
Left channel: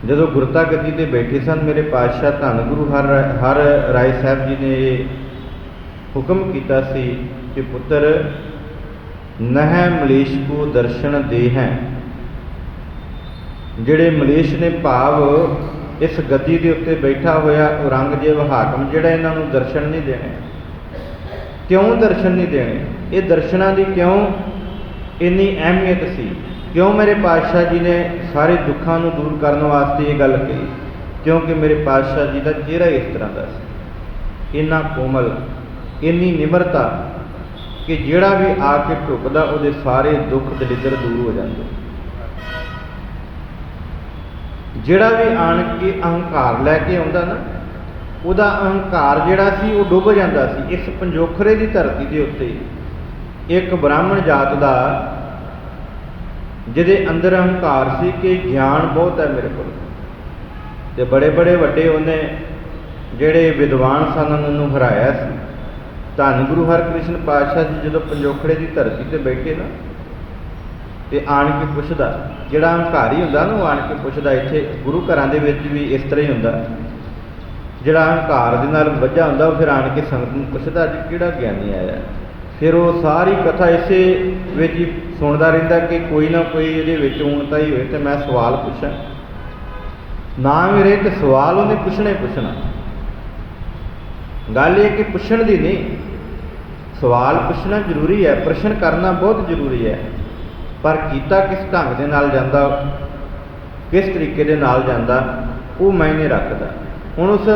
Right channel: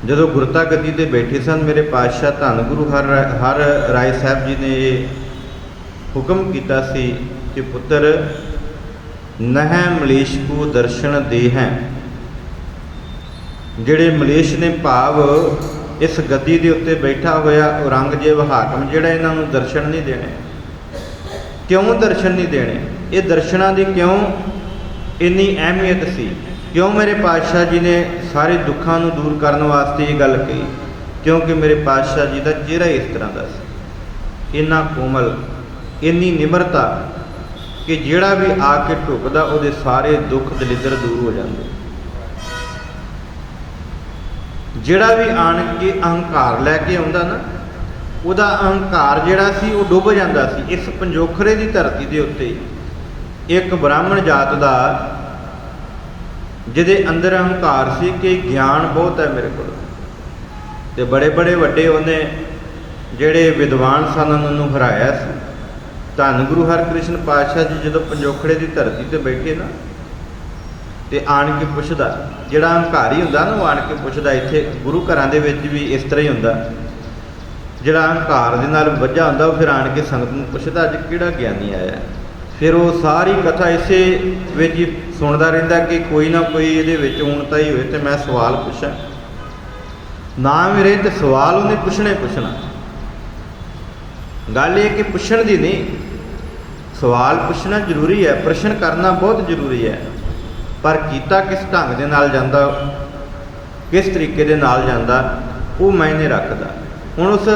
ਜਦੋਂ ਗੁਰਤਾ ਗੱਦੀ ਤੇ ਬੈਠੇ ਸਨ, ਮੇਰੇ ਪਾਤਸ਼ਾਹ ਧੰਨ ਗੁਰੂ ਹਰ ਰਾਏ ਸਾਹਿਬ ਜੀ ਨੇ ਇਹ ਹੁਕਮ ਕੀਤਾ ਸੀ ਕਿ ਪੁੱਤਰ ਨਹਿ ਮਲੇਸ਼ ਕੋ ਦਰਸ਼ਨ ਦੇ ਹੈ। ਜਿਹੜੇ ਮਲੇਸ਼ ਨੇ, ਭਾਵ ਇਸ ਗੱਦੀ ਦੇ ਉੱਤੇ ਬੈਠਾ ਹੋਇਆ ਔਰੰਗਜ਼ੇਬ ਹਾਕਮ, ਜਿਹੜਾ ਇਹਨਾਂ ਨੂੰ ਦਰਸ਼ਨ ਨਹੀਂ ਦੇਣੇ। ਕਿਉਂ ਦਰਸ਼ਨ ਨਹੀਂ ਦੇਣੇ? ਇਹ ਦਰਸ਼ਨਾਂ ਦੀ ਕਿਉਂ ਇੰਨੀ ਅਹਿਮੀਅਤ ਸੀ? ਕਿਉਂ ਮੇਰੇ ਪਾਤਸ਼ਾਹ ਜੀ ਨੇ ਸਾਰੇ ਦੁੱਖਾਂ ਨੂੰ ਦੂਰ ਕਰਨ ਵਾਸਤੇ ਇਹ ਗੱਲ ਕਹੀ? ਕਿਉਂਕਿ ਮੇਰੇ ਪਾਤਸ਼ਾਹ ਜੀ ਦਾ ਚਿਹਰਾ ਇਸ ਤਰ੍ਹਾਂ ਦਾ ਸੀ, ਇੰਨਾ ਕੋਮਲ, ਇੰਨੀ ਨਿਮਰਤਾ ਕਿ ਜਿਹੜਾ ਵੀ ਆ ਕੇ ਝੁਕਦਾ ਉਹਦੇ ਸਾਰੇ ਦੁੱਖ ਦਲਿੱਦਰ ਦੂਰ ਹੋ ਜਾਂਦੇ। ਜਿਹੜਾ ਵੀ ਆਣ ਕੇ ਅਹੰਕਾਰ ਲੈ ਕੇ ਆਉਂਦਾ ਨਾ, ਉਹਦਾ ਅਹੰਕਾਰ ਜਿਹੜਾ ਸੀ ਉਹ ਡੁੱਬ ਜਾਂਦਾ ਸੀ। ਇਸ ਪੰਜੋਖਰੇ ਦੀ ਧਰਤੀ ਦੇ ਉੱਤੇ ਇੱਕ ਬ੍ਰਾਹਮਣ ਜਾਤ ਦਾ, ਜਿਹਦੇ ਅੰਦਰ ਅਹੰਕਾਰ ਸੀ ਕਿ ਗਿਆਨ ਬਹੁਤ ਹੈ ਮੇਰੇ ਕੋਲ, ਤੇ ਬੜੇ ਬੜੇ ਵੱਡੇ ਉਹਨੇ ਜਿਹੜੇ ਵਿਦਵਾਨ ਸਨ ਉਹਨਾਂ ਨੂੰ ਹਰਾਇਆ ਸੀ। ਧੰਨ ਗੁਰੂ ਹਰਕ੍ਰਿਸ਼ਨ ਪਾਤਸ਼ਾਹ ਜੀ ਜਦੋਂ ਪੰਜੋਖੜੇ ਦੀ ਧਰਤੀ ਤੇ ਬੈਠੇ ਨਾ, ਤੇ ਆਣ ਕੇ ਪੁੱਛਦਾ, ਜਿਹੜਾ ਹੰਕਾਰੀ ਹੁੰਦਾ ਨਾ, ਉਹ ਆਣ ਕੇ ਪੁੱਛਦਾ। ਇੱਥੇ ਗੁਰੂ ਘਰਾਂ ਦੇ ਵਿੱਚ ਵੀ ਇਸ ਤਰ੍ਹਾਂ ਹੀ ਹੁੰਦਾ, ਜਿਹੜਾ ਹੰਕਾਰ ਦੇ ਨਾਲ ਵੱਜਾ ਹੁੰਦਾ ਉਹ ਫਿਰ ਆਣ ਕੇ ਸੰਗਤ ਨੂੰ ਪੁੱਛਦਾ, ਅੱਜ ਕਿਹੜਾ ਗਿਆਨੀ ਆਇਆ। ਫਿਰ ਉਹ ਸਾਰੀ ਕਥਾ ਇਸੇ ਵਿੱਚ ਹੀ ਸੁਣਦਾ ਰਹਿੰਦਾ ਕਿ ਕੋਈ ਨਾ ਕੋਈ ਇਹਦੇ ਵਿੱਚ ਊਣਤਾ ਹੀ ਹੋਏ ਤੇ ਮੈਂ ਸਵਾਲ ਪੁੱਛਾਂ। ਨਾ ਮੇਰੇ ਤੇ ਸਵਾਲ ਉਹਨੇ ਪੁੱਛਣਾ ਹੀ ਪੁੱਛਣਾ। ਗੱਲ ਇਹ ਕਿ ਪੁੱਛਣ ਦੀ ਨਹੀਂ, ਸਵਾਲ ਪੁੱਛਣਾ ਜ਼ਰੂਰੀ ਹੈ, ਪ੍ਰਸ਼ਨ ਕਰਨਾ ਬਹੁਤ ਜ਼ਰੂਰੀ ਹੈ, ਪਰ ਕੀਤਾ ਕਿਸ ਢੰਗ ਦੇ ਨਾਲ ਜਾਂਦਾ, ਕਿਸ ਤਰੀਕੇ ਦੇ ਨਾਲ ਜਾਂਦਾ, ਉਹ ਮਾਇਨੇ ਰੱਖਦਾ। ਹੁਣ ਉਸ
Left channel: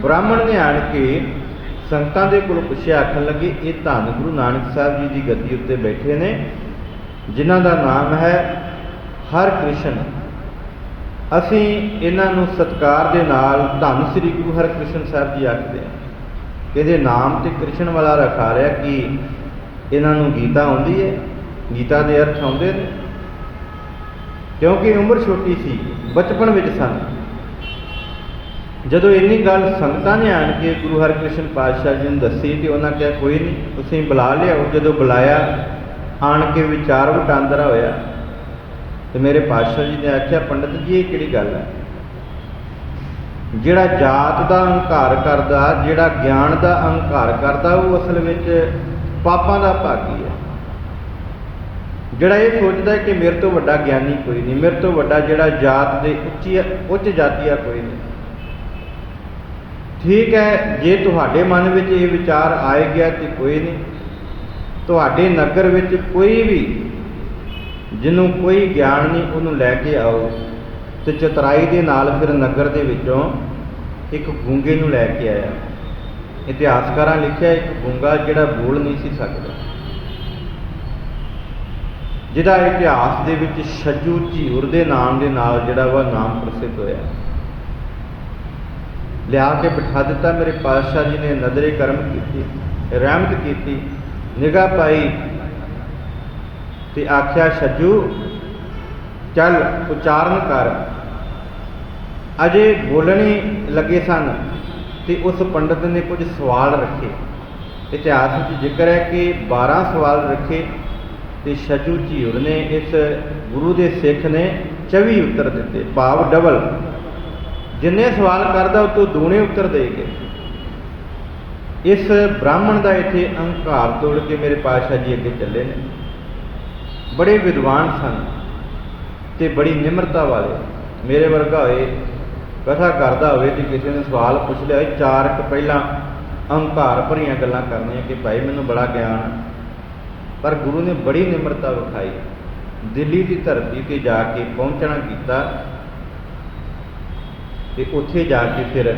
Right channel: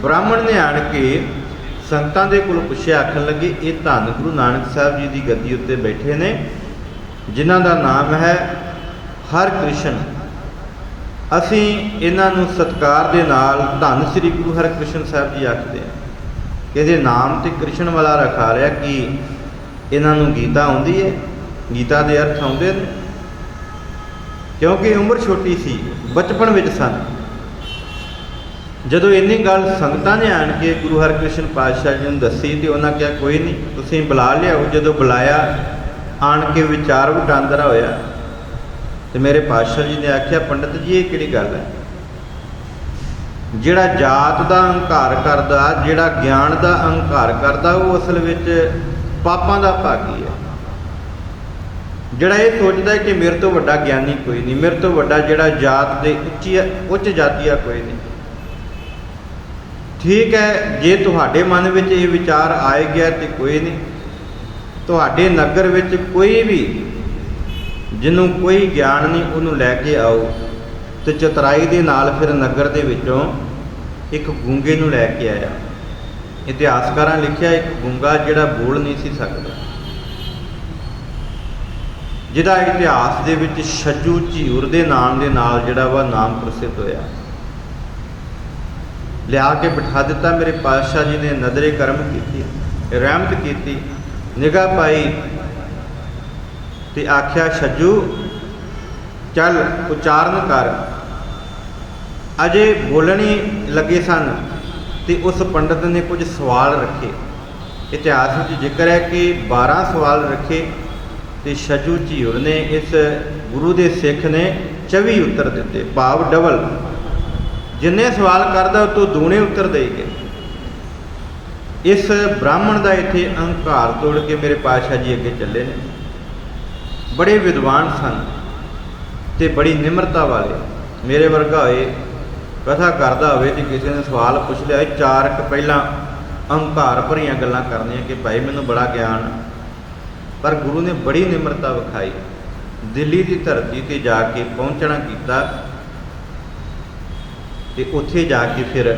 ਬ੍ਰਾਹਮਣ ਨੇ ਆਣ ਕੇ ਸੰਗਤਾਂ ਦੇ ਕੋਲ ਪੁੱਛਿਆ, ਆਖਣ ਲੱਗੇ ਇਹ ਧੰਨ ਗੁਰੂ ਨਾਨਕ ਸਾਹਿਬ ਜੀ ਦੀ ਗੱਦੀ ਉੱਤੇ ਬੈਠੇ ਨੇ, ਜਿਨ੍ਹਾਂ ਦਾ ਨਾਮ ਹੈ ਹਰਕ੍ਰਿਸ਼ਨ। ਅਸੀਂ ਇਹਨਾਂ ਨੂੰ ਸਤਿਕਾਰ ਦੇ ਨਾਲ ਧੰਨ ਸ੍ਰੀ ਗੁਰੂ ਹਰਕ੍ਰਿਸ਼ਨ ਸਾਹਿਬ ਜੀ ਆਖਦੇ ਹਾਂ। ਇਹਦੇ ਨਾਮ ਤੇ ਕ੍ਰਿਸ਼ਨ ਵਾਲਾ ਰਖਾ ਲਿਆ ਕਿ ਇਹਨਾਂ ਨੂੰ ਗੀਤਾ ਆਉਂਦੀ ਹੈ, ਗੀਤਾ ਦੇ ਅਰਥ ਆਉਂਦੇ ਨੇ। ਕਿਉਂਕਿ ਉਮਰ ਛੋਟੀ ਸੀ, ਬਚਪਨ ਵਿੱਚ ਸਨ। ਜਦੋਂ ਇੰਨੀ ਗੱਲ ਸੰਗਤਾਂ ਨੇ ਆਣ ਕੇ ਗੁਰੂ ਹਰਕ੍ਰਿਸ਼ਨ ਪਾਤਸ਼ਾਹ ਜੀ ਨੂੰ ਦੱਸੀ ਤੇ ਉਹਨਾਂ ਕਿਹਾ ਕੋਈ ਨਹੀਂ, ਤੁਸੀਂ ਬੁਲਾ ਲਿਆਓ। ਜਦੋਂ ਬੁਲਾਇਆ, ਆਣ ਕੇ ਵਿਚਾਰ ਵਟਾਂਦਰਾ ਹੋਇਆ ਤੇ ਮੇਰੇ ਪਾਤਸ਼ਾਹ ਜੀ ਨੇ ਆਖਿਆ, ਪੰਡਤ ਜੀ ਇਹ ਕਿਹੜੀ ਗੱਲ ਹੈ? ਜਿਹੜਾ ਜਾਤ ਦਾ ਅਹੰਕਾਰ ਕਰਦਾ, ਜਿਹੜਾ ਗਿਆਨ ਦਾ ਅਹੰਕਾਰ ਕਰਦਾ, ਉਹ ਅਸਲ ਵਿੱਚ ਪਾਪਾਂ ਦਾ ਭਾਗੀ ਹੈ। ਜਿਹੜਾ ਇਹ ਸੋਚਦਾ ਹੈ ਕਿ ਮੇਰੇ ਤੋਂ ਵੱਡਾ ਗਿਆਨੀ ਕੋਈ ਨਹੀਂ, ਮੇਰੇ ਤੋਂ ਵੱਡਾ ਜਿਹੜਾ ਜਾਤ ਦੇ ਉੱਚ ਜਾਤੀਆ ਕੋਈ ਨਹੀਂ। ਠੀਕ ਹੈ, ਜੇ ਤੁਹਾਡੇ ਮਨ ਵਿੱਚ ਇਹ ਵਿਚਾਰ ਆਏ ਗਿਆ ਤੇ ਕੋਈ ਨਹੀਂ। ਤੁਹਾਡੇ ਨਗਰ ਵਿੱਚ ਕੋਈ ਵੀ ਜਿਹਨੂੰ ਕੋਈ ਗਿਆਨ ਨਹੀਂ, ਉਹਨੂੰ ਲੈ ਕੇ ਆਓ। ਤੇ ਚਤਰਾਈ ਦੇ ਨਾਲ ਫਿਰ ਨਗਰ ਦੇ ਵਿੱਚੋਂ ਇੱਕ ਗੂੰਗੇ ਨੂੰ ਲੈ ਕੇ ਆਇਆ। ਇਤਿਹਾਸਕਾਰਾਂ ਲਿਖਿਆ, ਇੱਕ ਗੂੰਗਾ ਜਿਹੜਾ ਬੋਲ ਨਹੀਂ ਸੀ ਸਕਦਾ, ਜਿਹਦਾ ਇਤਿਹਾਸ ਦੇ ਵਿੱਚ ਛੱਜੂ ਝੀਰ ਦੇ ਨਾਮ ਦੇ ਨਾਲ ਜਿਹੜਾ ਵਾ ਨਾਮ ਪ੍ਰਸਿੱਧ ਹੋਇਆ। ਲਿਆ ਕੇ ਬਿਠਾ ਦਿੱਤਾ। ਮੇਰੇ ਪਾਤਸ਼ਾਹ ਜੀ ਨੇ ਨਜ਼ਰੇ ਕਰਮ ਕੀਤੀ, ਰਹਿਮਤ ਕੀਤੀ, ਨਿਗਾਹ ਪਾਈ ਤੇ ਆਖਿਆ, ਛੱਜੂ ਚੱਲ ਉਚਾਰਨ ਕਰ। ਅਜੇ ਬੋਲਣੀ ਲੱਗੇ ਸਨ ਤੇ ਉਸ ਪੰਡਤ ਨੇ ਕੁਝ ਸਵਾਲ ਰੱਖੇ। ਇਤਿਹਾਸ ਵਿੱਚ ਜ਼ਿਕਰ ਹੈ ਕਿ 12 ਸਵਾਲ ਰੱਖੇ ਤੇ ਛੱਜੂ ਝੀਰ ਨੇ, ਇਸ ਗੁਰੂ ਦੇ ਸਿੱਖ ਨੇ 24 ਉੱਤਰ ਦਿੱਤੇ, ਭਾਵ ਡਬਲ। ਜਿੰਨੇ ਸਵਾਲ ਕਰਦਾ ਉਹ ਤੋਂ ਦੂਣੇ ਉੱਤਰ ਦੇ ਗਏ। ਇਸ ਬ੍ਰਾਹਮਣ ਦਾ ਇੱਥੇ ਅਹੰਕਾਰ ਤੋੜ ਕੇ ਮੇਰੇ ਪਾਤਸ਼ਾਹ ਜੀ ਅੱਗੇ ਚੱਲੇ ਨੇ। ਬੜੇ ਵਿਦਵਾਨ ਸਨ ਤੇ ਬੜੀ ਨਿਮਰਤਾ ਵਾਲੇ। ਮੇਰੇ ਵਰਗਾ ਹੋਏ, ਕਥਾ ਕਰਦਾ ਹੋਵੇ ਤੇ ਕਿਸੇ ਨੇ ਸਵਾਲ ਪੁੱਛ ਲਿਆ, ਚਾਰ ਕੁ ਪਹਿਲਾਂ ਅਹੰਕਾਰ ਭਰੀਆਂ ਗੱਲਾਂ ਕਰਨੀਆਂ ਕਿ ਭਾਈ ਮੈਨੂੰ ਬੜਾ ਗਿਆਨ। ਪਰ ਗੁਰੂ ਨੇ ਬੜੀ ਨਿਮਰਤਾ ਵਿਖਾਈ। ਦਿੱਲੀ ਦੀ ਧਰਤੀ ਤੇ ਜਾ ਕੇ ਪਹੁੰਚਣਾ ਕੀਤਾ ਤੇ ਉੱਥੇ ਜਾ ਕੇ ਫਿਰ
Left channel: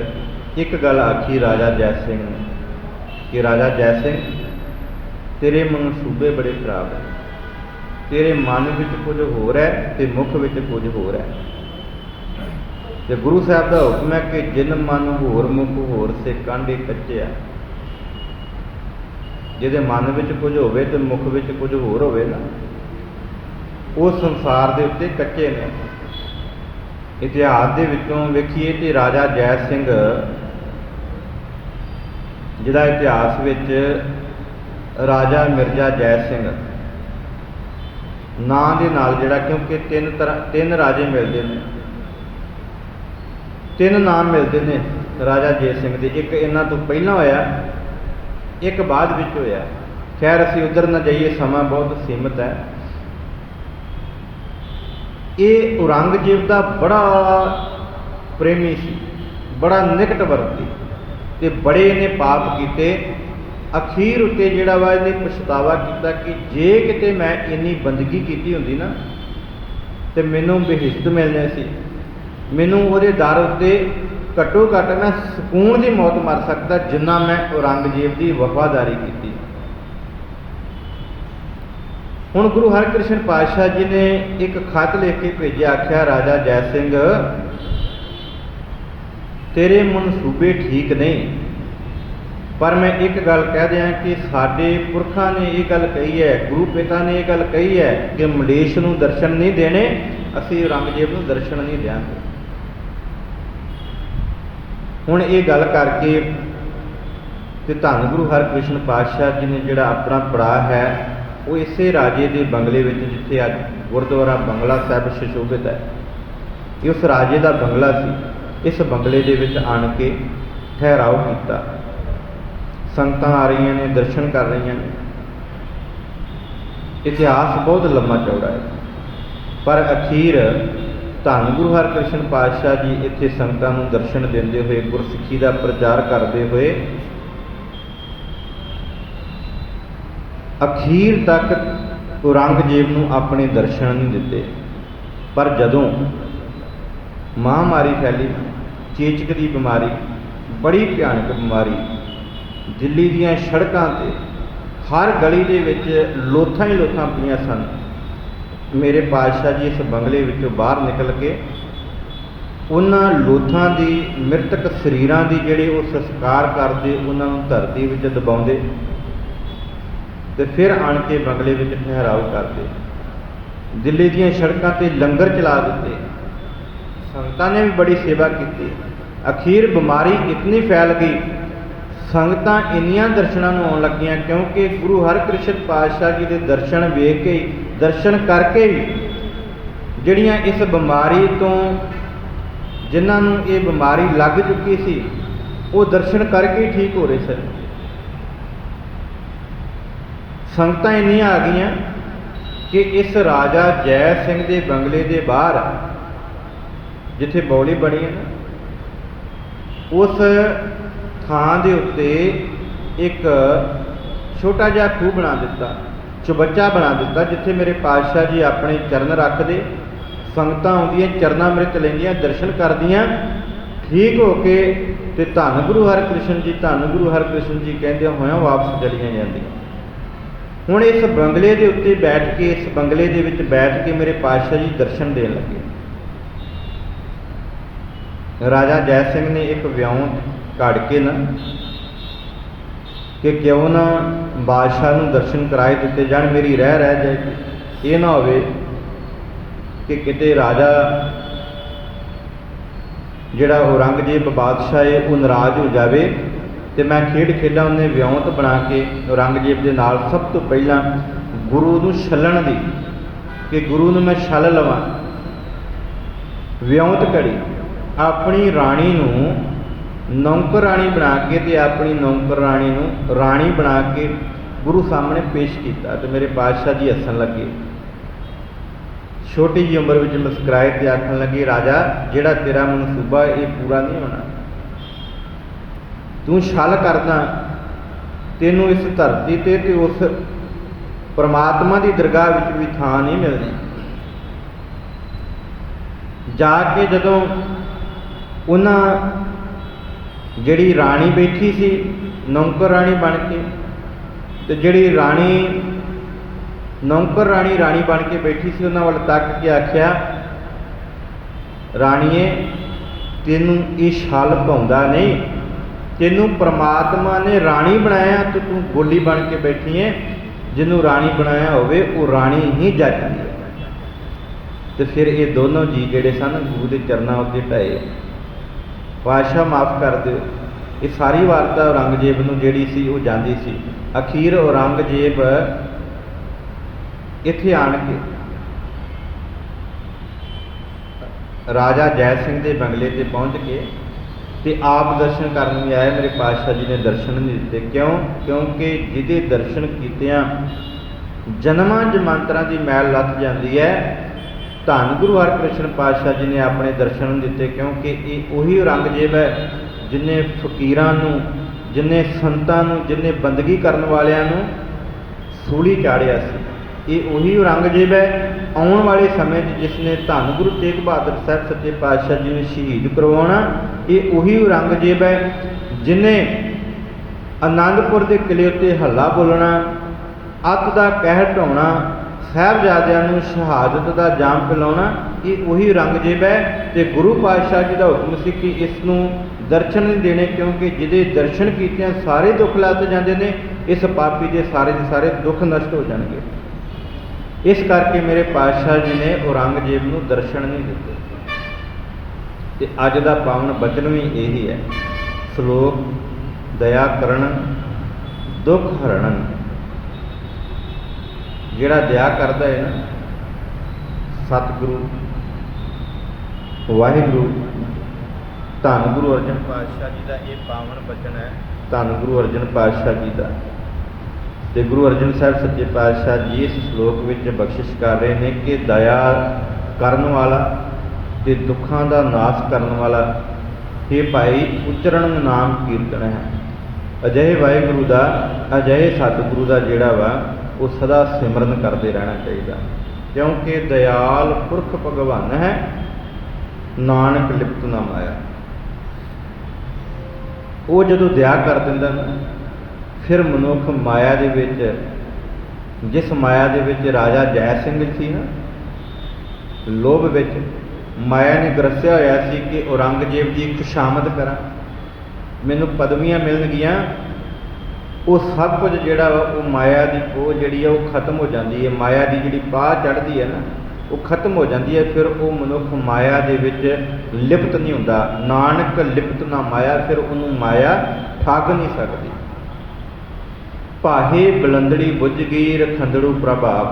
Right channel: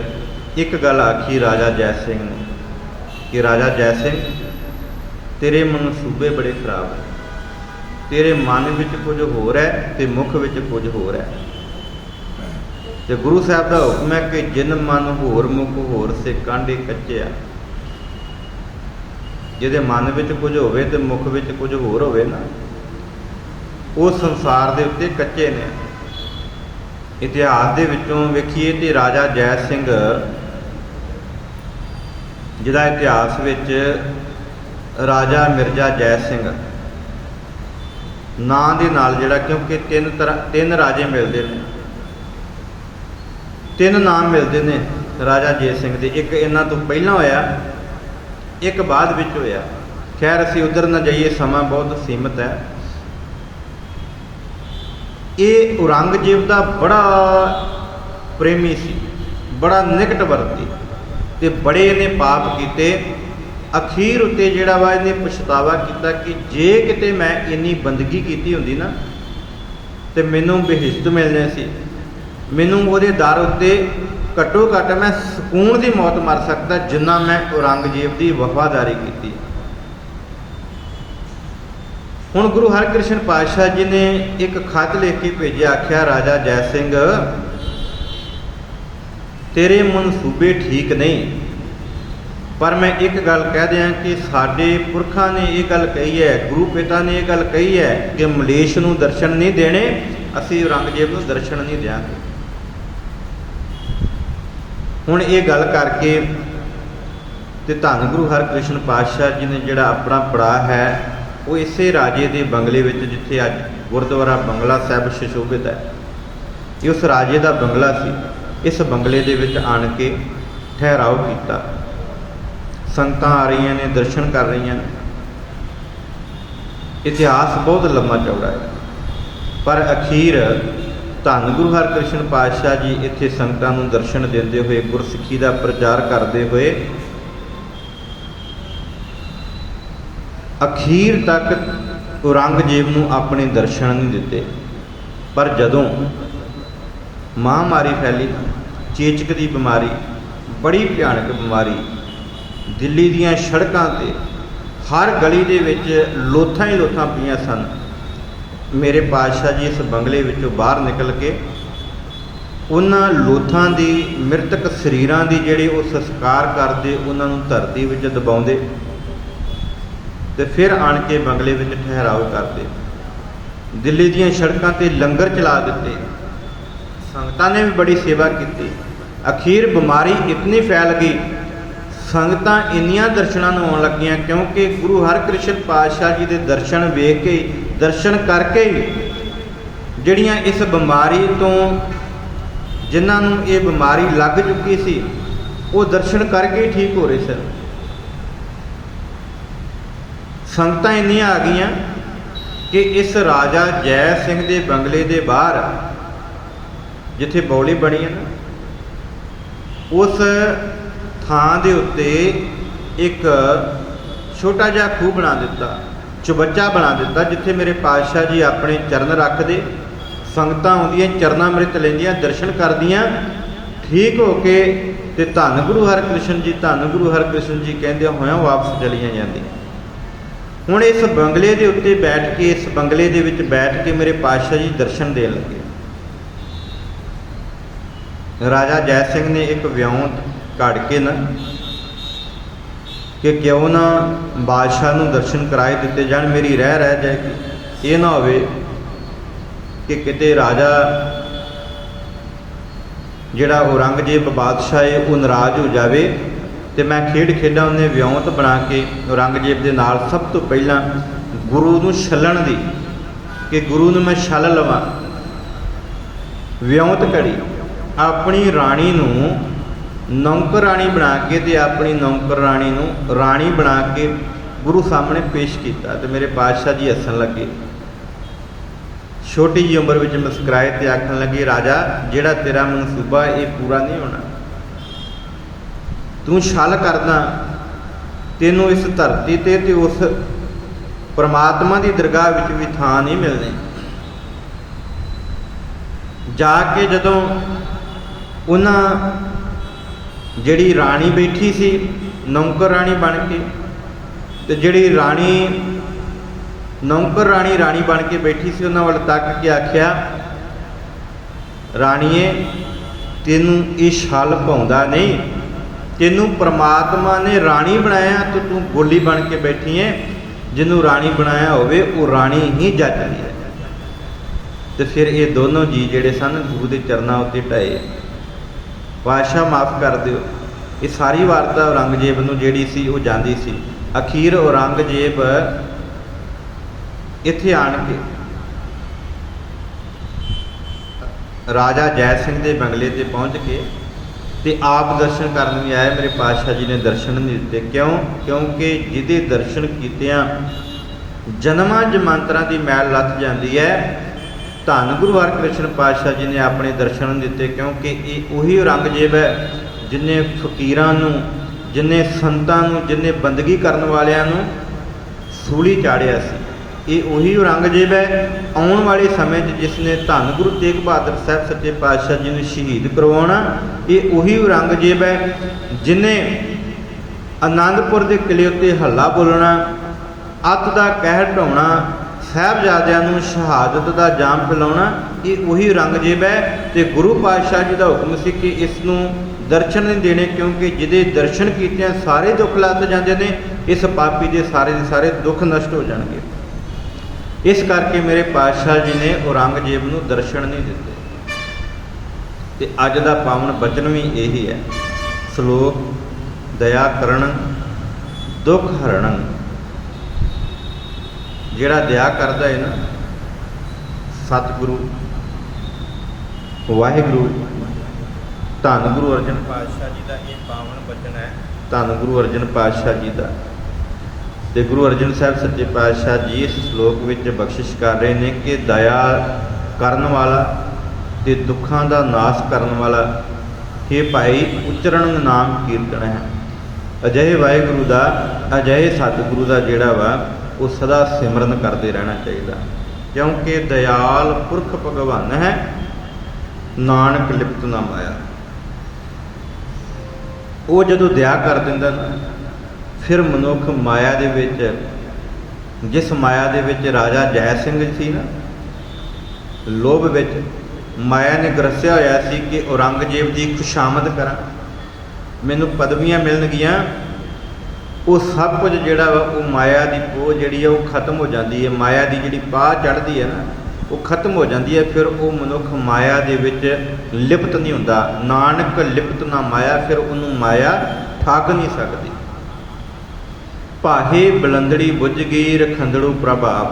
ਇੱਕ ਗੱਲ ਆਖੀ ਰਾਜਾ ਜੈ ਸਿੰਘ ਨੇ ਕਿ ਰਾਜਾ ਜੈ ਸਿੰਘ, ਤੇਰੇ ਮਨਸੂਬੇ ਬੜੇ ਖਰਾਬ ਹੈ। ਤੇਰੇ ਮਨ ਵਿੱਚ ਕੁਝ ਹੋਰ ਹੈ ਤੇ ਮੁੱਖ ਵਿੱਚ ਕੁਝ ਹੋਰ ਹੈ। ਤੇ ਗੁਰੂ ਸਾਹਿਬ ਦਾ ਹੁਕਮ ਹੈ ਕਿ ਜਿਨ ਮਨ ਹੋਰ ਮੁੱਖ ਹੋਰ ਸੇ ਕਾਂਡੇ ਕੱਚੇ ਆ। ਜਿਹਦੇ ਮਨ ਵਿੱਚ ਕੁਝ ਹੋਵੇ ਤੇ ਮੁੱਖ ਵਿੱਚ ਕੁਝ ਹੋਰ ਹੋਵੇ ਨਾ, ਉਹ ਸੰਸਾਰ ਦੇ ਉੱਤੇ ਕੱਚੇ ਨੇ। ਇਤਿਹਾਸ ਦੇ ਵਿੱਚੋਂ ਵੇਖੀਏ ਤੇ ਰਾਜਾ ਜੈ ਸਿੰਘ, ਜਿਹਦਾ ਇਤਿਹਾਸ ਵਿੱਚ ਰਾਜਾ ਮਿਰਜ਼ਾ ਜੈ ਸਿੰਘ, ਨਾਂ ਦੇ ਨਾਲ ਜਿਹੜਾ, ਕਿਉਂਕਿ ਤਿੰਨ ਰਾਜੇ ਮਿਲਦੇ ਨੇ, ਤਿੰਨ ਨਾਮ ਮਿਲਦੇ ਨੇ ਰਾਜਾ ਜੈ ਸਿੰਘ ਦੇ। ਇੱਕ ਇਹਨਾਂ ਤੋਂ ਪਹਿਲਾਂ ਹੋਇਆ, ਇੱਕ ਬਾਅਦ ਵਿੱਚ ਹੋਇਆ। ਖੈਰ ਅਸੀਂ ਉਧਰ ਨਾ ਜਾਈਏ, ਸਮਾਂ ਬਹੁਤ ਸੀਮਤ ਹੈ। ਇਹ ਔਰੰਗਜ਼ੇਬ ਦਾ ਬੜਾ ਪ੍ਰੇਮੀ ਸੀ, ਬੜਾ ਨਿਕਟਵਰਤੀ, ਤੇ ਬੜੇ ਇਹਨੇ ਪਾਪ ਕੀਤੇ। ਅਖੀਰ ਉੱਤੇ ਜਿਹੜਾ ਵਾ ਇਹਨੇ ਪਛਤਾਵਾ ਕੀਤਾ ਕਿ ਜੇ ਕਿਤੇ ਮੈਂ ਇੰਨੀ ਬੰਦਗੀ ਕੀਤੀ ਹੁੰਦੀ ਨਾ ਤੇ ਮੈਨੂੰ ਬਹਿਸ਼ਤ ਮਿਲਣੀ ਸੀ, ਮੈਨੂੰ ਉਹਦੇ ਦਰ ਉੱਤੇ ਘੱਟੋ ਘੱਟ ਮੈਂ ਸਕੂਨ ਦੀ ਮੌਤ ਮਰ ਸਕਦਾ ਜਿੰਨਾ ਮੈਂ ਔਰੰਗਜ਼ੇਬ ਦੀ ਵਫਾਦਾਰੀ ਕੀਤੀ। ਹੁਣ ਗੁਰੂ ਹਰਕ੍ਰਿਸ਼ਨ ਪਾਤਸ਼ਾਹ ਜੀ ਨੇ ਇੱਕ ਖਤ ਲਿਖ ਕੇ ਭੇਜਿਆ, ਆਖਿਆ ਰਾਜਾ ਜੈ ਸਿੰਘ ਤੇਰੇ ਮਨਸੂਬੇ ਠੀਕ ਨਹੀਂ, ਪਰ ਮੈਂ ਇੱਕ ਗੱਲ ਕਹਿ ਦਿਆਂ ਕਿ ਸਾਡੇ ਪੁਰਖਾਂ ਨੇ ਇਹ ਗੱਲ ਕਹੀ ਹੈ, ਗੁਰੂ ਪਿਤਾ ਨੇ ਇਹ ਗੱਲ ਕਹੀ ਹੈ ਕਿ ਮਲੇਸ਼ ਨੂੰ ਦਰਸ਼ਨ ਨਹੀਂ ਦੇਣੇ, ਅਸੀਂ ਔਰੰਗਜ਼ੇਬ ਨੂੰ ਦਰਸ਼ਨ ਨਹੀਂ ਦਿਆਂਗੇ। ਹੁਣ ਇਹ ਗੱਲ ਕਰਕੇ ਤੇ ਧੰਨ ਗੁਰੂ ਹਰਕ੍ਰਿਸ਼ਨ ਪਾਤਸ਼ਾਹ ਜੀ ਨੇ ਜਿਹੜਾ ਆਪਣਾ ਪੜਾਅ ਹੈ ਉਹ ਇਸੇ ਰਾਜੇ ਦੇ ਬੰਗਲੇ ਵਿੱਚ, ਜਿੱਥੇ ਅੱਜ ਗੁਰਦੁਆਰਾ ਬੰਗਲਾ ਸਾਹਿਬ ਸੁਸ਼ੋਭਿਤ ਹੈ, ਇਹ ਉਸ ਰਾਜੇ ਦਾ ਬੰਗਲਾ ਸੀ। ਇਸ ਬੰਗਲੇ ਦੇ ਵਿੱਚ ਆਣ ਕੇ ਠਹਿਰਾਓ ਕੀਤਾ। ਸੰਗਤਾਂ ਆ ਰਹੀਆਂ ਨੇ, ਦਰਸ਼ਨ ਕਰ ਰਹੀਆਂ ਨੇ। ਇਤਿਹਾਸ ਬਹੁਤ ਲੰਮਾ ਚੌੜਾ ਹੈ, ਪਰ ਅਖੀਰ ਧੰਨ ਗੁਰੂ ਹਰਕ੍ਰਿਸ਼ਨ ਪਾਤਸ਼ਾਹ ਜੀ ਇੱਥੇ ਸੰਗਤਾਂ ਨੂੰ ਦਰਸ਼ਨ ਦਿੰਦੇ ਹੋਏ, ਗੁਰਸਿੱਖੀ ਦਾ ਪ੍ਰਚਾਰ ਕਰਦੇ ਹੋਏ ਅਖੀਰ ਤੱਕ ਔਰੰਗਜ਼ੇਬ ਨੂੰ ਆਪਣੇ ਦਰਸ਼ਨ ਨਹੀਂ ਦਿੱਤੇ। ਪਰ ਜਦੋਂ ਮਹਾਂਮਾਰੀ ਫੈਲੀ, ਚੇਚਕ ਦੀ ਬਿਮਾਰੀ, ਬੜੀ ਭਿਆਨਕ ਬਿਮਾਰੀ, ਦਿੱਲੀ ਦੀਆਂ ਸੜਕਾਂ 'ਤੇ ਹਰ ਗਲੀ ਦੇ ਵਿੱਚ ਲੋਥਾਂ ਹੀ ਲੋਥਾਂ ਪਈਆਂ ਸਨ। ਮੇਰੇ ਪਾਤਸ਼ਾਹ ਜੀ ਇਸ ਬੰਗਲੇ ਵਿੱਚੋਂ ਬਾਹਰ ਨਿਕਲ ਕੇ ਉਹਨਾਂ ਲੋਥਾਂ ਦੀ, ਮ੍ਰਿਤਕ ਸਰੀਰਾਂ ਦੀ ਜਿਹੜੇ ਉਹ ਸੰਸਕਾਰ ਕਰਦੇ, ਉਹਨਾਂ ਨੂੰ ਧਰਤੀ ਵਿੱਚ ਦਬਾਉਂਦੇ ਤੇ ਫਿਰ ਆਣ ਕੇ ਬੰਗਲੇ ਵਿੱਚ ਠਹਿਰਾਓ ਕਰਦੇ। ਦਿੱਲੀ ਦੀਆਂ ਸੜਕਾਂ 'ਤੇ ਲੰਗਰ ਚਲਾ ਦਿੱਤੇ, ਸੰਗਤਾਂ ਨੇ ਵੀ ਬੜੀ ਸੇਵਾ ਕੀਤੀ। ਅਖੀਰ ਬਿਮਾਰੀ ਇਤਨੀ ਫੈਲ ਗਈ, ਸੰਗਤਾਂ ਇੰਨੀਆਂ ਦਰਸ਼ਨਾਂ ਨੂੰ ਆਉਣ ਲੱਗੀਆਂ, ਕਿਉਂਕਿ ਗੁਰੂ ਹਰਕ੍ਰਿਸ਼ਨ ਪਾਤਸ਼ਾਹ ਜੀ ਦੇ ਦਰਸ਼ਨ ਵੇਖ ਕੇ, ਦਰਸ਼ਨ ਕਰਕੇ ਹੀ ਜਿਹੜੀਆਂ ਇਸ ਬਿਮਾਰੀ ਤੋਂ, ਜਿਨ੍ਹਾਂ ਨੂੰ ਇਹ ਬਿਮਾਰੀ ਲੱਗ ਚੁੱਕੀ ਸੀ, ਉਹ ਦਰਸ਼ਨ ਕਰਕੇ ਹੀ ਠੀਕ ਹੋ ਰਹੇ ਸਨ। ਸੰਗਤਾਂ ਇੰਨੀਆਂ ਆ ਗਈਆਂ ਕਿ ਇਸ ਰਾਜਾ ਜੈ ਸਿੰਘ ਦੇ ਬੰਗਲੇ ਦੇ ਬਾਹਰ ਜਿੱਥੇ ਬੌਲੀ ਬਣੀ ਹੈ, ਉਸ ਥਾਂ ਦੇ ਉੱਤੇ ਇੱਕ ਛੋਟਾ ਜਿਹਾ ਖੂਹ ਬਣਾ ਦਿੱਤਾ, ਚੁਬੱਚਾ ਬਣਾ ਦਿੱਤਾ, ਜਿੱਥੇ ਮੇਰੇ ਪਾਤਸ਼ਾਹ ਜੀ ਆਪਣੇ ਚਰਨ ਰੱਖਦੇ। ਸੰਗਤਾਂ ਆਉਂਦੀਆਂ, ਚਰਨਾਂ ਅੰਮ੍ਰਿਤ ਲੈਂਦੀਆਂ, ਦਰਸ਼ਨ ਕਰਦੀਆਂ, ਠੀਕ ਹੋ ਕੇ ਤੇ ਧੰਨ ਗੁਰੂ ਹਰਕ੍ਰਿਸ਼ਨ ਜੀ, ਧੰਨ ਗੁਰੂ ਹਰਕ੍ਰਿਸ਼ਨ ਜੀ ਕਹਿੰਦੇ ਹੋਇਆਂ ਵਾਪਸ ਚਲੀਆਂ ਜਾਂਦੀਆਂ। ਹੁਣ ਇਸ ਬੰਗਲੇ ਦੇ ਉੱਤੇ ਬੈਠ ਕੇ, ਇਸ ਬੰਗਲੇ ਦੇ ਵਿੱਚ ਬੈਠ ਕੇ ਮੇਰੇ ਪਾਤਸ਼ਾਹ ਜੀ ਦਰਸ਼ਨ ਦੇਣ ਲੱਗੇ। ਰਾਜਾ ਜੈ ਸਿੰਘ ਨੇ ਇੱਕ ਵਿਉਂਤ ਘੜ ਕੇ ਨਾ ਕਿ ਕਿਉਂ ਨਾ ਬਾਦਸ਼ਾਹ ਨੂੰ ਦਰਸ਼ਨ ਕਰਾਏ ਦਿੱਤੇ ਜਾਣ, ਮੇਰੀ ਰਹਿ ਜਾਏਗੀ। ਇਹ ਨਾ ਹੋਵੇ ਕਿ ਕਿਤੇ ਰਾਜਾ ਜਿਹੜਾ ਔਰੰਗਜ਼ੇਬ ਬਾਦਸ਼ਾਹ ਹੈ ਉਹ ਨਾਰਾਜ਼ ਹੋ ਜਾਵੇ ਤੇ ਮੈਂ ਖੇਡਾਂ ਉਹਨੇ ਵਿਉਂਤ ਬਣਾ ਕੇ ਔਰੰਗਜ਼ੇਬ ਦੇ ਨਾਲ ਸਭ ਤੋਂ ਪਹਿਲਾਂ ਗੁਰੂ ਨੂੰ ਛੱਲਣ ਦੀ, ਕਿ ਗੁਰੂ ਨੂੰ ਮੈਂ ਛੱਲ ਲਵਾਂ, ਵਿਉਂਤ ਘੜੀ। ਆਪਣੀ ਰਾਣੀ ਨੂੰ ਨੌਕਰ ਰਾਣੀ ਬਣਾ ਕੇ ਤੇ ਆਪਣੀ ਨੌਕਰ ਰਾਣੀ ਨੂੰ ਰਾਣੀ ਬਣਾ ਕੇ ਗੁਰੂ ਸਾਹਮਣੇ ਪੇਸ਼ ਕੀਤਾ ਤੇ ਮੇਰੇ ਪਾਤਸ਼ਾਹ ਜੀ ਹੱਸਣ ਲੱਗੇ। ਛੋਟੀ ਜਿਹੀ ਉਮਰ ਵਿੱਚ ਮੁਸਕਰਾਏ ਤੇ ਆਖਣ ਲੱਗੇ, ਰਾਜਾ ਜਿਹੜਾ ਤੇਰਾ ਮਨਸੂਬਾ ਇਹ ਪੂਰਾ ਨਹੀਂ ਹੋਣਾ, ਤੂੰ ਛਲ ਕਰਦਾ, ਤੈਨੂੰ ਇਸ ਧਰਤੀ ਤੇ ਉਸ ਪਰਮਾਤਮਾ ਦੀ ਦਰਗਾਹ ਵਿੱਚ ਵੀ ਥਾਂ ਨਹੀਂ ਮਿਲਣੀ। ਜਾ ਕੇ ਜਦੋਂ ਉਹਨਾਂ ਜਿਹੜੀ ਰਾਣੀ ਬੈਠੀ ਸੀ ਨੌਕਰ ਰਾਣੀ ਬਣ ਕੇ, ਤੇ ਜਿਹੜੀ ਰਾਣੀ ਨੌਕਰ ਰਾਣੀ ਬਣ ਕੇ ਬੈਠੀ ਸੀ, ਉਹਨਾਂ ਵੱਲ ਤੱਕ ਕੇ ਆਖਿਆ, ਰਾਣੀਏ ਤੈਨੂੰ ਇਹ ਛਲ ਪਾਉਂਦਾ ਨਹੀਂ, ਤੈਨੂੰ ਪ੍ਰਮਾਤਮਾ ਨੇ ਰਾਣੀ ਬਣਾਇਆ ਤੇ ਤੂੰ ਗੋਲੀ ਬਣ ਕੇ ਬੈਠੀ ਹੈ। ਜਿਹਨੂੰ ਰਾਣੀ ਬਣਾਇਆ ਹੋਵੇ ਉਹ ਰਾਣੀ ਹੀ ਜੱਜਦੀ ਹੈ। ਤੇ ਫਿਰ ਇਹ ਦੋਨੋਂ ਜੀ ਜਿਹੜੇ ਸਨ ਗੁਰੂ ਦੇ ਚਰਨਾਂ ਉੱਤੇ ਢਾਏ। ਪਾਤਸ਼ਾਹ ਮਾਫ ਕਰ ਦਿਓ। ਇਹ ਸਾਰੀ ਵਾਰਤਾ ਔਰੰਗਜ਼ੇਬ ਨੂੰ ਜਿਹੜੀ ਸੀ ਉਹ ਜਾਂਦੀ ਸੀ। ਅਖੀਰ ਔਰੰਗਜ਼ੇਬ ਇੱਥੇ ਆਣ ਕੇ राजा जय सिंह के बंगले ते पहुँच के ते आप दर्शन करन भी आए। मेरे पातशाह जी ने दर्शन नहीं दिते। क्यों? क्योंकि जिहदे दर्शन कीतियां जन्मां जमांतरां की मैल लथ जाती है। धन गुरु हरकृष्ण पातशाह जी ने अपने दर्शन नहीं दिते, क्योंकि ये उही औरंगजेब है जिन्हें फकीरां नूं, जिन्हें संतां नूं, जिन्हें बंदगी करन वालियां नूं सूली चाढ़िया सी। ये उही औरंगजेब है आने वाले समय जिसने धन गुरु तेग बहादुर साहब सच्चे पातशाह जी ने शहीद करवाना। ये उही औरंगजेब है जिन्हें आनंदपुर के किले उत्ते हल्ला बोलना, अत का कहर ढाउणा, साहिबजादियां नूं शहादत का जाम पिलाउणा। ये उही औरंगजेब है। तो गुरु पातशाह जी का हुक्म सी कि इसनूं दर्शन नहीं देने, क्योंकि जिहदे दर्शन कीतियां सारे दुख लथ जाते हैं, इस पापी के सारे दुख नष्ट हो जाएंगे। इस करके मेरे पातशाह जी ने औरंगजेब नूं दर्शन नहीं दिते। ते अज दा पावन बचन भी यही है, श्लोक दया करन दुख हरण। जिहड़ा दया करदा है ना, सतगुरु वाहिगुरु धन गुरु अर्जन पातशाह जी का ये पावन बचन है। धन गुरु अर्जन पातशाह जी का ते गुरु अर्जन साहब सच्चे पातशाह जी इस श्लोक में बख्शिश कर रहे हैं कि दया करन वाला ते दुखों का नाश करन वाला ये भाई उच्चरण नाम कीर्तन है। अजिहे वाहिगुरु का, अजिहे सतगुरु का जिहड़ा वा वो सदा सिमरन करते रहना चाहिए, क्योंकि दयाल पुरख भगवान है, नानक लिप्त ना माया। वो जदों दया कर दिंदा ना, फिर मनुख माया दे विच, जिस माया दे विच राजा जय सिंह सी ना, लोभ विच माया ने ग्रसिया होया सी कि औरंगजेब की खुशामद करा, मैनू पदवियां मिलणगियां। वो सब कुछ जिहड़ा वा वो माया की पोह जिहड़ी है वो खत्म हो जाती है। माया की जिहड़ी पाह चढ़ती है ना, वो खत्म हो जाती है। फिर वो मनुख माया दे विच लिप्त नहीं हुंदा। नानक लिप्त ना माया, फिर उन्होंने माया ठग नहीं सकती। भाहे बुलंदड़ी बुझ गई रखंदड़ू प्रभाव।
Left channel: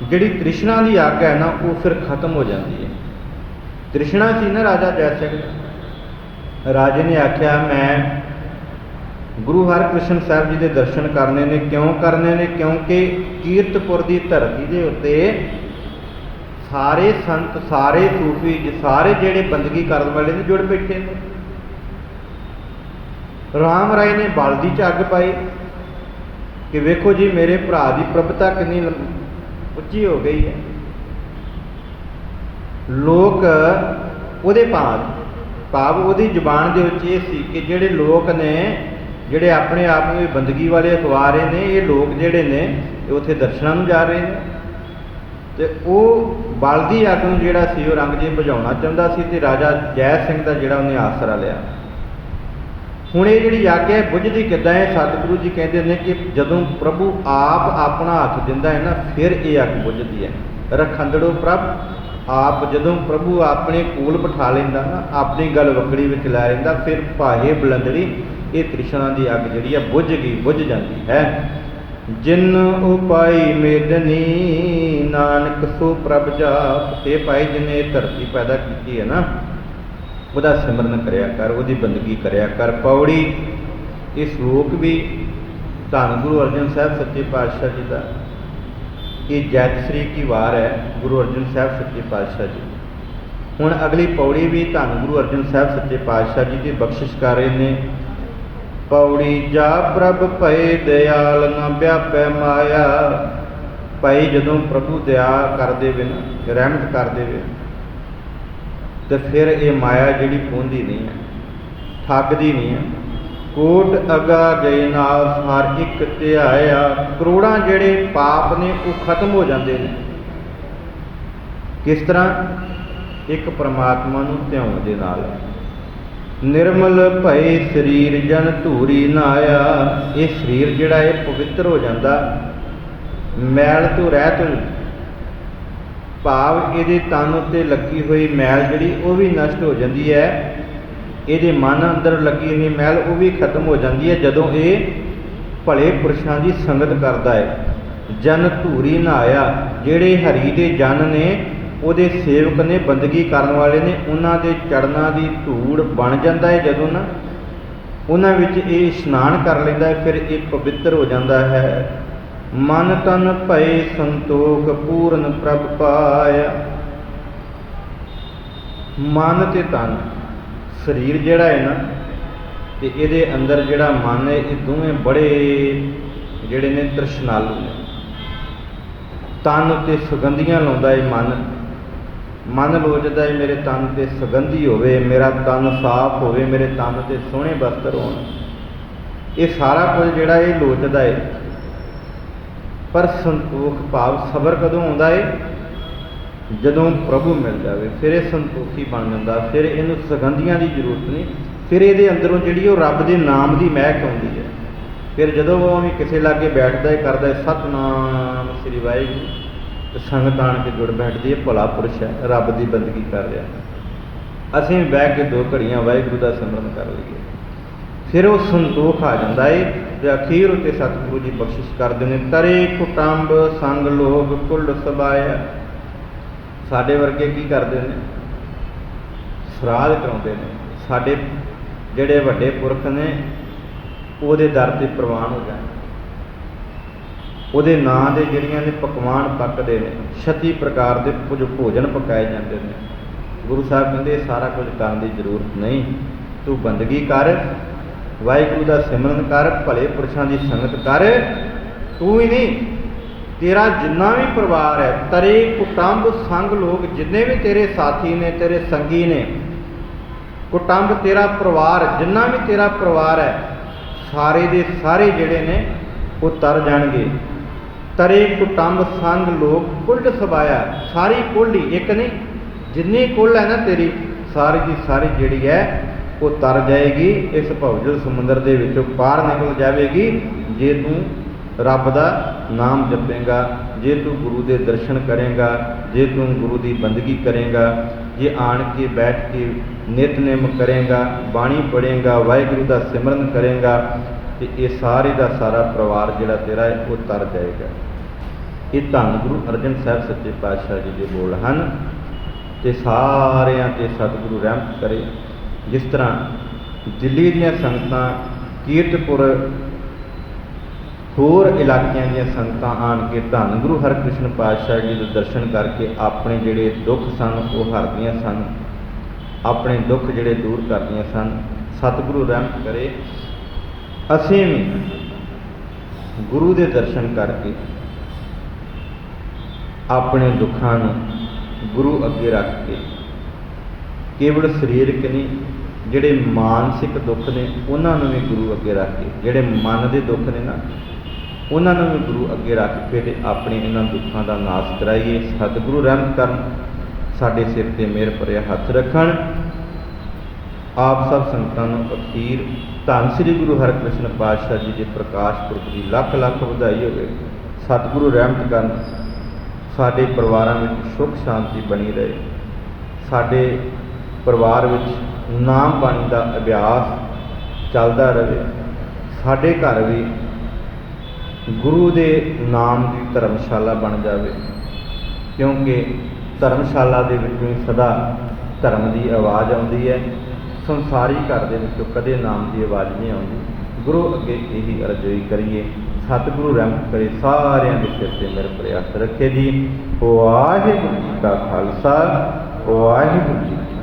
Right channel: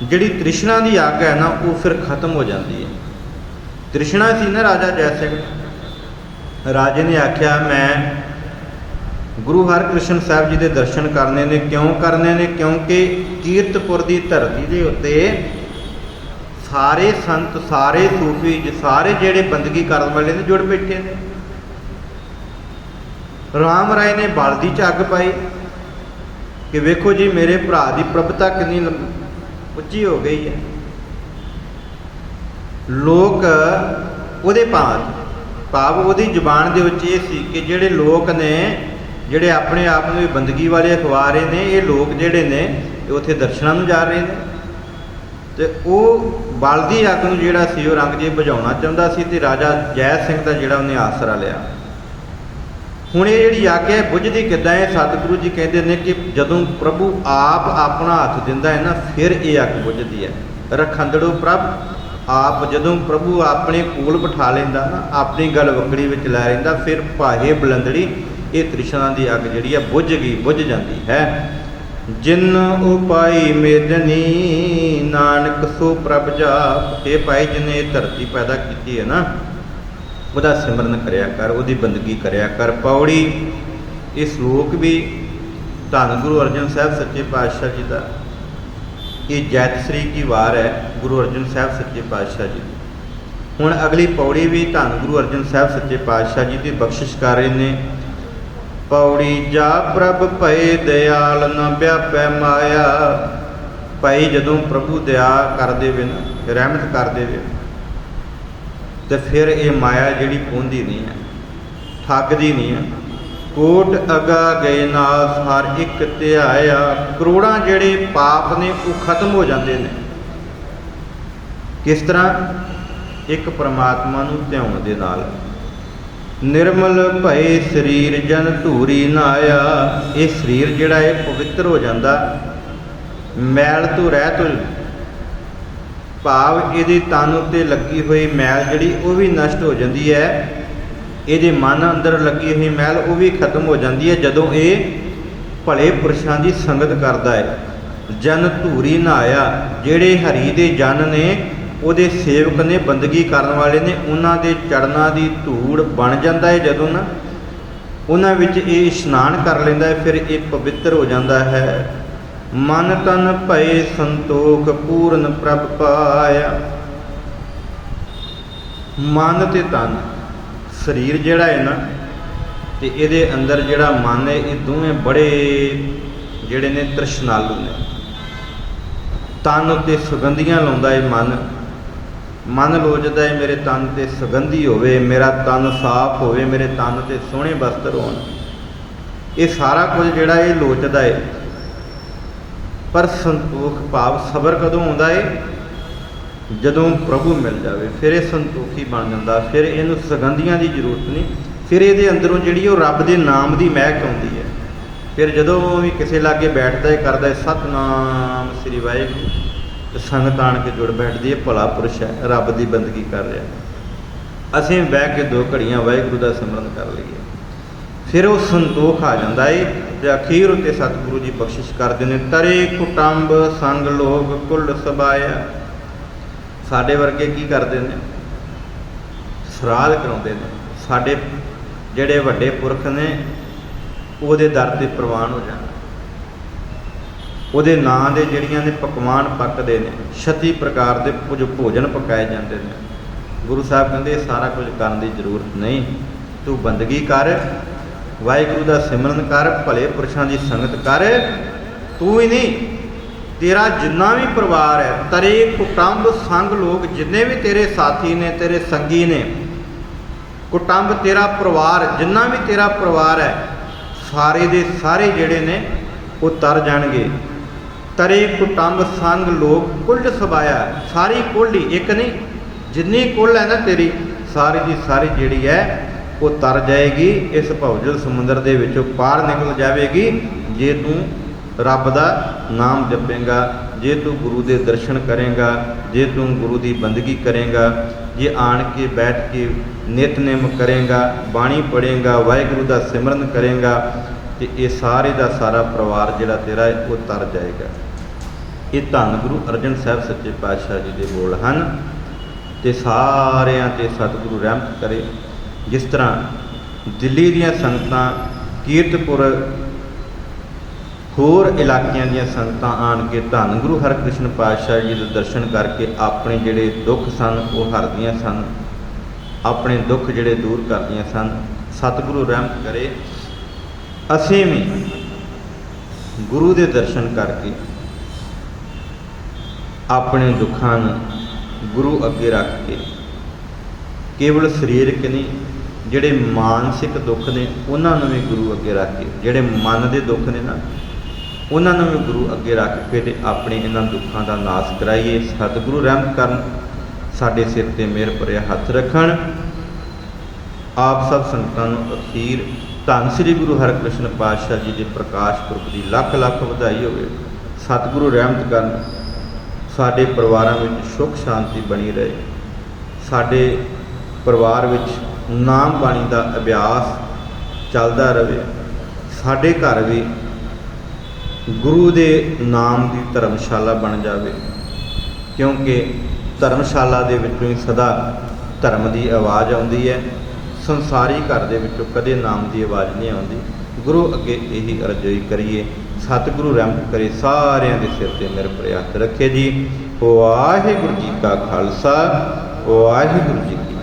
जिहड़ी तृष्णा की आग है ना, वो फिर खत्म हो जाती है। तृष्णा सी ना राजा जय सिंह, राजे ने आख्या मैं गुरु हरकृष्ण साहब जी के दर्शन करने ने। क्यों करने ने? क्योंकि कीरतपुर की धरती के उत्ते सारे संत, सारे सूफी, सारे जेड़े बंदगी करने वाले ने जुड़ बैठे ने। राम राय ने बलदी च अग पाई कि वेखो जी मेरे भरा की प्रभुता कितनी उच्ची हो गई है। लोग उहदे भाव उहदी जुबान दे विच इह सी कि जिहड़े लोग ने, जिहड़े अपने आप में बंदगी वाले अखवा रहे ने, ये लोग जिहड़े ने उत्थे दर्शनां नूं जा रहे हैं। तो वो बलदी अग नूं जिहड़ा सी औरंगजेब बुझाउणा चाहुंदा सी, ते राजा जय सिंह का जिहड़ा उहने आसरा लिया। हुण ये जिहड़ी अग है बुझदी किद्दां है? सतगुरु जी कहते हैं कि जदों प्रभु आप अपना हथ दिंदा है ना, फिर ये अग बुझदी है। रखंदड़ो प्रभ आप, जदों प्रभु अपने कोल बिठा लैंदा ना, अपनी गल वकड़ी विच लै लैंदा, फिर भाहे बुलंदड़ी ये तृष्णा की अग जिहड़ी है बुझ गई, बुझ जाती है। जिन उपाई मेदनी नानक सो प्रभ जाप। ये भाई जिन्हें धरती पैदा की है ना, वह सिमरन करया कर, वही बंदगी करया कर। पौड़ी इस श्लोक भी धन गुरु अर्जन साहब सच्चे पातशाह जी का, ये जैतश्री की वार है गुरु अर्जन साहब सच्चे पातशाह जी। हुण अगली पौड़ी भी धन गुरु अर्जन साहब सच्चे पातशाह जी की बख्शिश कर रहे हैं। पौड़ी जा प्रभ भय दयाल न व्यापै माया। भाई जदों प्रभु दया कर देवे, रहमत कर देवे, तो फिर ये माया जिहड़ी पहुंचती नहीं है, ठगदी नहीं है। कोट अगा गए नास हर एक ध्याया। करोड़ां जिहड़े पाप ने वो खत्म हो जाते हैं। किस तरह? एक परमात्मा नूं ध्याउण दे नाल। निर्मल भय शरीर जन धूरी नाया। ये शरीर जिहड़ा है पवित्र हो जाता, मैल तो रहत हो, भाव ये तन उत्ते लगी हुई मैल जिहड़ी वो भी नष्ट हो जाती है। ये मन अंदर लगी हुई मैल वो भी खत्म हो जाती है जदों ये भले पुरुषों की संगत करता है। जन धूरी नहाया, जेड़े हरी दे जन ने ਉਹਦੇ ਸੇਵਕ ਨੇ, ਬੰਦਗੀ ਕਰਨ ਵਾਲੇ ਨੇ, ਉਹਨਾਂ ਦੇ ਚੜਨਾਂ ਦੀ ਧੂੜ ਬਣ ਜਾਂਦਾ ਹੈ। ਜਦੋਂ ਨਾ ਉਹਨਾਂ ਵਿੱਚ ਇਹ ਇਸ਼ਨਾਨ ਕਰ ਲੈਂਦਾ ਹੈ, ਫਿਰ ਇਹ ਪਵਿੱਤਰ ਹੋ ਜਾਂਦਾ ਹੈ। ਮਨ ਤਨ ਭਏ ਸੰਤੋਖ ਪੂਰਨ ਪ੍ਰਭ ਪਾਇਆ। ਮਨ ਤੇ ਤਨ, ਸਰੀਰ ਜਿਹੜਾ ਹੈ ਨਾ ਤੇ ਇਹਦੇ ਅੰਦਰ ਜਿਹੜਾ ਮਨ ਹੈ, ਇਹ ਦੋਵੇਂ ਬੜੇ ਜਿਹੜੇ ਨੇ ਤ੍ਰਿਸ਼ਨਾਲੂ ਨੇ। ਤਨ ਉੱਤੇ ਸੁਗੰਧੀਆਂ ਲਾਉਂਦਾ ਹੈ ਮਨ ਲੋਚਦਾ ਹੈ ਮੇਰੇ ਤਨ ਤੇ ਸੁਗੰਧੀ ਹੋਵੇ, ਮੇਰਾ ਤਨ ਸਾਫ਼ ਹੋਵੇ, ਮੇਰੇ ਤਨ ਤੇ ਸੋਹਣੇ ਵਸਤਰ ਹੋਣ। ਇਹ ਸਾਰਾ ਕੁਝ ਜਿਹੜਾ ਇਹ ਲੋਚਦਾ ਹੈ। ਪਰ ਸੰਤੋਖ ਭਾਵ ਸਬਰ ਕਦੋਂ ਆਉਂਦਾ ਹੈ? ਜਦੋਂ ਪ੍ਰਭੂ ਮਿਲ ਜਾਵੇ, ਫਿਰ ਇਹ ਸੰਤੋਖੀ ਬਣ ਜਾਂਦਾ। ਫਿਰ ਇਹਨੂੰ ਸੁਗੰਧੀਆਂ ਦੀ ਜ਼ਰੂਰਤ ਨਹੀਂ, ਫਿਰ ਇਹਦੇ ਅੰਦਰੋਂ ਜਿਹੜੀ ਉਹ ਰੱਬ ਦੇ ਨਾਮ ਦੀ ਮਹਿਕ ਆਉਂਦੀ ਹੈ। ਫਿਰ ਜਦੋਂ ਉਹ ਵੀ ਕਿਸੇ ਲਾਗੇ ਬੈਠਦਾ ਹੈ, ਕਰਦਾ ਹੈ ਸਤਿਨਾਮ ਸ੍ਰੀ ਵਾਹਿਗੁਰੂ, ਤੇ ਸੰਗਤ ਆਣ ਕੇ ਜੁੜ ਬੈਠਦੀ ਹੈ, ਭਲਾ ਪੁਰਸ਼ ਹੈ, ਰੱਬ ਦੀ ਬੰਦਗੀ ਕਰ ਰਿਹਾ। ਅਸੀਂ ਬਹਿ ਕੇ 2 ਘੜੀਆਂ ਵਾਹਿਗੁਰੂ ਦਾ ਸਿਮਰਨ ਕਰ ਲਈਏ, ਫਿਰ ਉਹ ਸੰਤੋਖ ਆ ਜਾਂਦਾ ਹੈ। ਤੇ ਅਖੀਰ ਉੱਤੇ ਸਤਿਗੁਰੂ ਜੀ ਬਖਸ਼ਿਸ਼ ਕਰਦੇ ਨੇ, ਤਰੇ ਕੁਟੰਬ ਸੰਗ ਲੋਭ ਕੁੱਲ ਸਬਾਇਆ। ਸਾਡੇ ਵਰਗੇ ਕੀ ਕਰਦੇ ਨੇ? ਸਰਾਧ ਕਰਾਉਂਦੇ ਨੇ। ਸਾਡੇ ਜਿਹੜੇ ਵੱਡੇ ਪੁਰਖ ਨੇ ਉਹਦੇ ਦਰ ਤੇ ਪ੍ਰਵਾਨ ਹੋ ਜਾਣ, ਉਹਦੇ ਨਾਂ ਦੇ ਜਿਹੜੀਆਂ ਨੇ ਪਕਵਾਨ ਪੱਕਦੇ ਨੇ, 36 ਪ੍ਰਕਾਰ ਦੇ ਕੁਝ ਭੋਜਨ ਪਕਾਏ ਜਾਂਦੇ ਨੇ। ਗੁਰੂ ਸਾਹਿਬ ਕਹਿੰਦੇ ਇਹ ਸਾਰਾ ਕੁਝ ਕਰਨ ਦੀ ਜ਼ਰੂਰਤ ਨਹੀਂ, ਤੂੰ ਬੰਦਗੀ ਕਰ, ਵਾਹਿਗੁਰੂ ਦਾ ਸਿਮਰਨ ਕਰ, ਭਲੇ ਪੁਰਸ਼ਾਂ ਦੀ ਸੰਗਤ ਕਰ। ਤੂੰ ਹੀ ਨਹੀਂ, ਤੇਰਾ ਜਿੰਨਾ ਵੀ ਪਰਿਵਾਰ ਹੈ, ਤਰੇ ਕੁਟੰਬ ਸੰਗ ਲੋਕ, ਜਿੰਨੇ ਵੀ ਤੇਰੇ ਸਾਥੀ ਨੇ, ਤੇਰੇ ਸੰਗੀ ਨੇ, ਕੁਟੰਬ ਤੇਰਾ ਪਰਿਵਾਰ, ਜਿੰਨਾ ਵੀ ਤੇਰਾ ਪਰਿਵਾਰ ਹੈ, ਸਾਰੇ ਦੇ ਸਾਰੇ ਜਿਹੜੇ ਨੇ ਉਹ ਤਰ ਜਾਣਗੇ। ਤਰੇ ਕੁਟੰਬ ਸੰਗ ਲੋਕ ਕੁੱਲ ਸਬਾਇਆ। ਸਾਰੀ ਕੁੱਲ ਹੀ, ਇੱਕ ਨਹੀਂ, ਜਿੰਨੀ ਕੁੱਲ ਹੈ ਨਾ ਤੇਰੀ, ਸਾਰੀ ਦੀ ਸਾਰੀ ਜਿਹੜੀ ਹੈ ਉਹ ਤਰ ਜਾਏਗੀ। ਇਸ ਭਵਜਲ ਸਮੁੰਦਰ ਦੇ ਵਿੱਚੋਂ ਪਾਰ ਨਿਕਲ ਜਾਵੇਗੀ ਜੇ ਤੂੰ ਰੱਬ ਦਾ ਨਾਮ ਜਪੇਂਗਾ, ਜੇ ਤੂੰ ਗੁਰੂ ਦੇ ਦਰਸ਼ਨ ਕਰੇਂਗਾ, ਜੇ ਤੂੰ ਗੁਰੂ ਦੀ ਬੰਦਗੀ ਕਰੇਂਗਾ, ਜੇ ਆਣ ਕੇ ਬੈਠ ਕੇ ਨਿਤਨੇਮ ਕਰੇਂਗਾ, ਬਾਣੀ ਪੜ੍ਹੇਂਗਾ, ਵਾਹਿਗੁਰੂ ਦਾ ਸਿਮਰਨ ਕਰੇਂਗਾ, ਤੇ ਇਹ ਸਾਰੇ ਦਾ ਸਾਰਾ ਪਰਿਵਾਰ ਜਿਹੜਾ ਤੇਰਾ ਹੈ ਉਹ ਤਰ ਜਾਏਗਾ। ਇਹ ਧੰਨ ਗੁਰੂ ਅਰਜਨ ਸਾਹਿਬ ਸੱਚੇ ਪਾਤਸ਼ਾਹ ਜੀ ਦੇ ਬੋਲ ਹਨ। ਤੇ ਸਾਰਿਆਂ ਤੇ ਸਤਿਗੁਰੂ ਰਹਿਮਤ ਕਰੇ। ਜਿਸ ਤਰ੍ਹਾਂ ਦਿੱਲੀ ਦੀਆਂ ਸੰਗਤਾਂ, ਕੀਰਤਪੁਰ, ਹੋਰ ਇਲਾਕਿਆਂ ਦੀਆਂ ਸੰਗਤਾਂ ਆਣ ਕੇ ਧੰਨ ਗੁਰੂ ਹਰਿਕ੍ਰਿਸ਼ਨ ਪਾਤਸ਼ਾਹ ਜੀ ਦੇ ਦਰਸ਼ਨ ਕਰਕੇ ਆਪਣੇ ਜਿਹੜੇ ਦੁੱਖ ਸਨ ਉਹ ਹਰਦੀਆਂ ਸਨ, ਆਪਣੇ ਦੁੱਖ ਜਿਹੜੇ ਦੂਰ ਕਰਦੀਆਂ ਸਨ। ਸਤਿਗੁਰੂ ਰਹਿਮਤ ਕਰੇ, ਅਸੀਂ ਵੀ ਗੁਰੂ ਦੇ ਦਰਸ਼ਨ ਕਰਕੇ ਆਪਣੇ ਦੁੱਖਾਂ ਨੂੰ ਗੁਰੂ ਅੱਗੇ ਰੱਖ ਕੇ, ਕੇਵਲ ਸਰੀਰਕ ਨਹੀਂ, ਜਿਹੜੇ ਮਾਨਸਿਕ ਦੁੱਖ ਨੇ ਉਹਨਾਂ ਨੂੰ ਵੀ ਗੁਰੂ ਅੱਗੇ ਰੱਖ ਕੇ, ਜਿਹੜੇ ਮਨ ਦੇ ਦੁੱਖ ਨੇ ਨਾ ਉਹਨਾਂ ਨੂੰ ਵੀ ਗੁਰੂ ਅੱਗੇ ਰੱਖ ਕੇ ਤੇ ਆਪਣੇ ਇਹਨਾਂ ਦੁੱਖਾਂ ਦਾ ਨਾਸ਼ ਕਰਾਈਏ। ਸਤਿਗੁਰੂ ਰਹਿਮਤ ਕਰਨ, ਸਾਡੇ ਸਿਰ ਤੇ ਮਿਹਰ ਭਰਿਆ ਹੱਥ ਰੱਖਣ। ਆਪ ਸਭ ਸੰਗਤਾਂ ਨੂੰ ਅਖੀਰ ਧੰਨ ਸ੍ਰੀ ਗੁਰੂ ਹਰਿਕ੍ਰਿਸ਼ਨ ਪਾਤਸ਼ਾਹ ਜੀ ਦੇ ਪ੍ਰਕਾਸ਼ ਪੁਰਬ ਦੀ ਲੱਖ ਲੱਖ ਵਧਾਈ ਹੋਵੇ। ਸਤਿਗੁਰੂ ਰਹਿਮਤ ਕਰਨ, ਸਾਡੇ ਪਰਿਵਾਰਾਂ ਵਿੱਚ ਸੁੱਖ ਸ਼ਾਂਤੀ ਬਣੀ ਰਹੇ, ਸਾਡੇ ਪਰਿਵਾਰ ਵਿੱਚ ਨਾਮ ਬਾਣੀ ਦਾ ਅਭਿਆਸ ਚੱਲਦਾ ਰਹੇ, ਸਾਡੇ ਘਰ ਵੀ ਗੁਰੂ ਦੇ ਨਾਮ ਦੀ ਧਰਮਸ਼ਾਲਾ ਬਣ ਜਾਵੇ। ਕਿਉਂਕਿ ਧਰਮਸ਼ਾਲਾ ਦੇ ਵਿੱਚੋਂ ਹੀ ਸਦਾ ਧਰਮ ਦੀ ਆਵਾਜ਼ ਆਉਂਦੀ ਹੈ, ਸੰਸਾਰੀ ਘਰ ਦੇ ਵਿੱਚੋਂ ਕਦੇ ਨਾਮ ਦੀ ਆਵਾਜ਼ ਨਹੀਂ ਆਉਂਦੀ। ਗੁਰੂ ਅੱਗੇ ਇਹੀ ਅਰਜ਼ੋਈ ਕਰੀਏ। ਸਤਿਗੁਰੂ ਰਹਿਮਤ ਕਰੇ, ਸਾਰਿਆਂ ਦੇ ਸਿਰ ਤੇ ਮਿਹਰ ਭਰਿਆ ਹੱਥ ਰੱਖੇ ਜੀ। ਵਾਹਿਗੁਰੂ ਜੀ ਕਾ ਖਾਲਸਾ, ਵਾਹਿਗੁਰੂ ਜੀ ਕੀ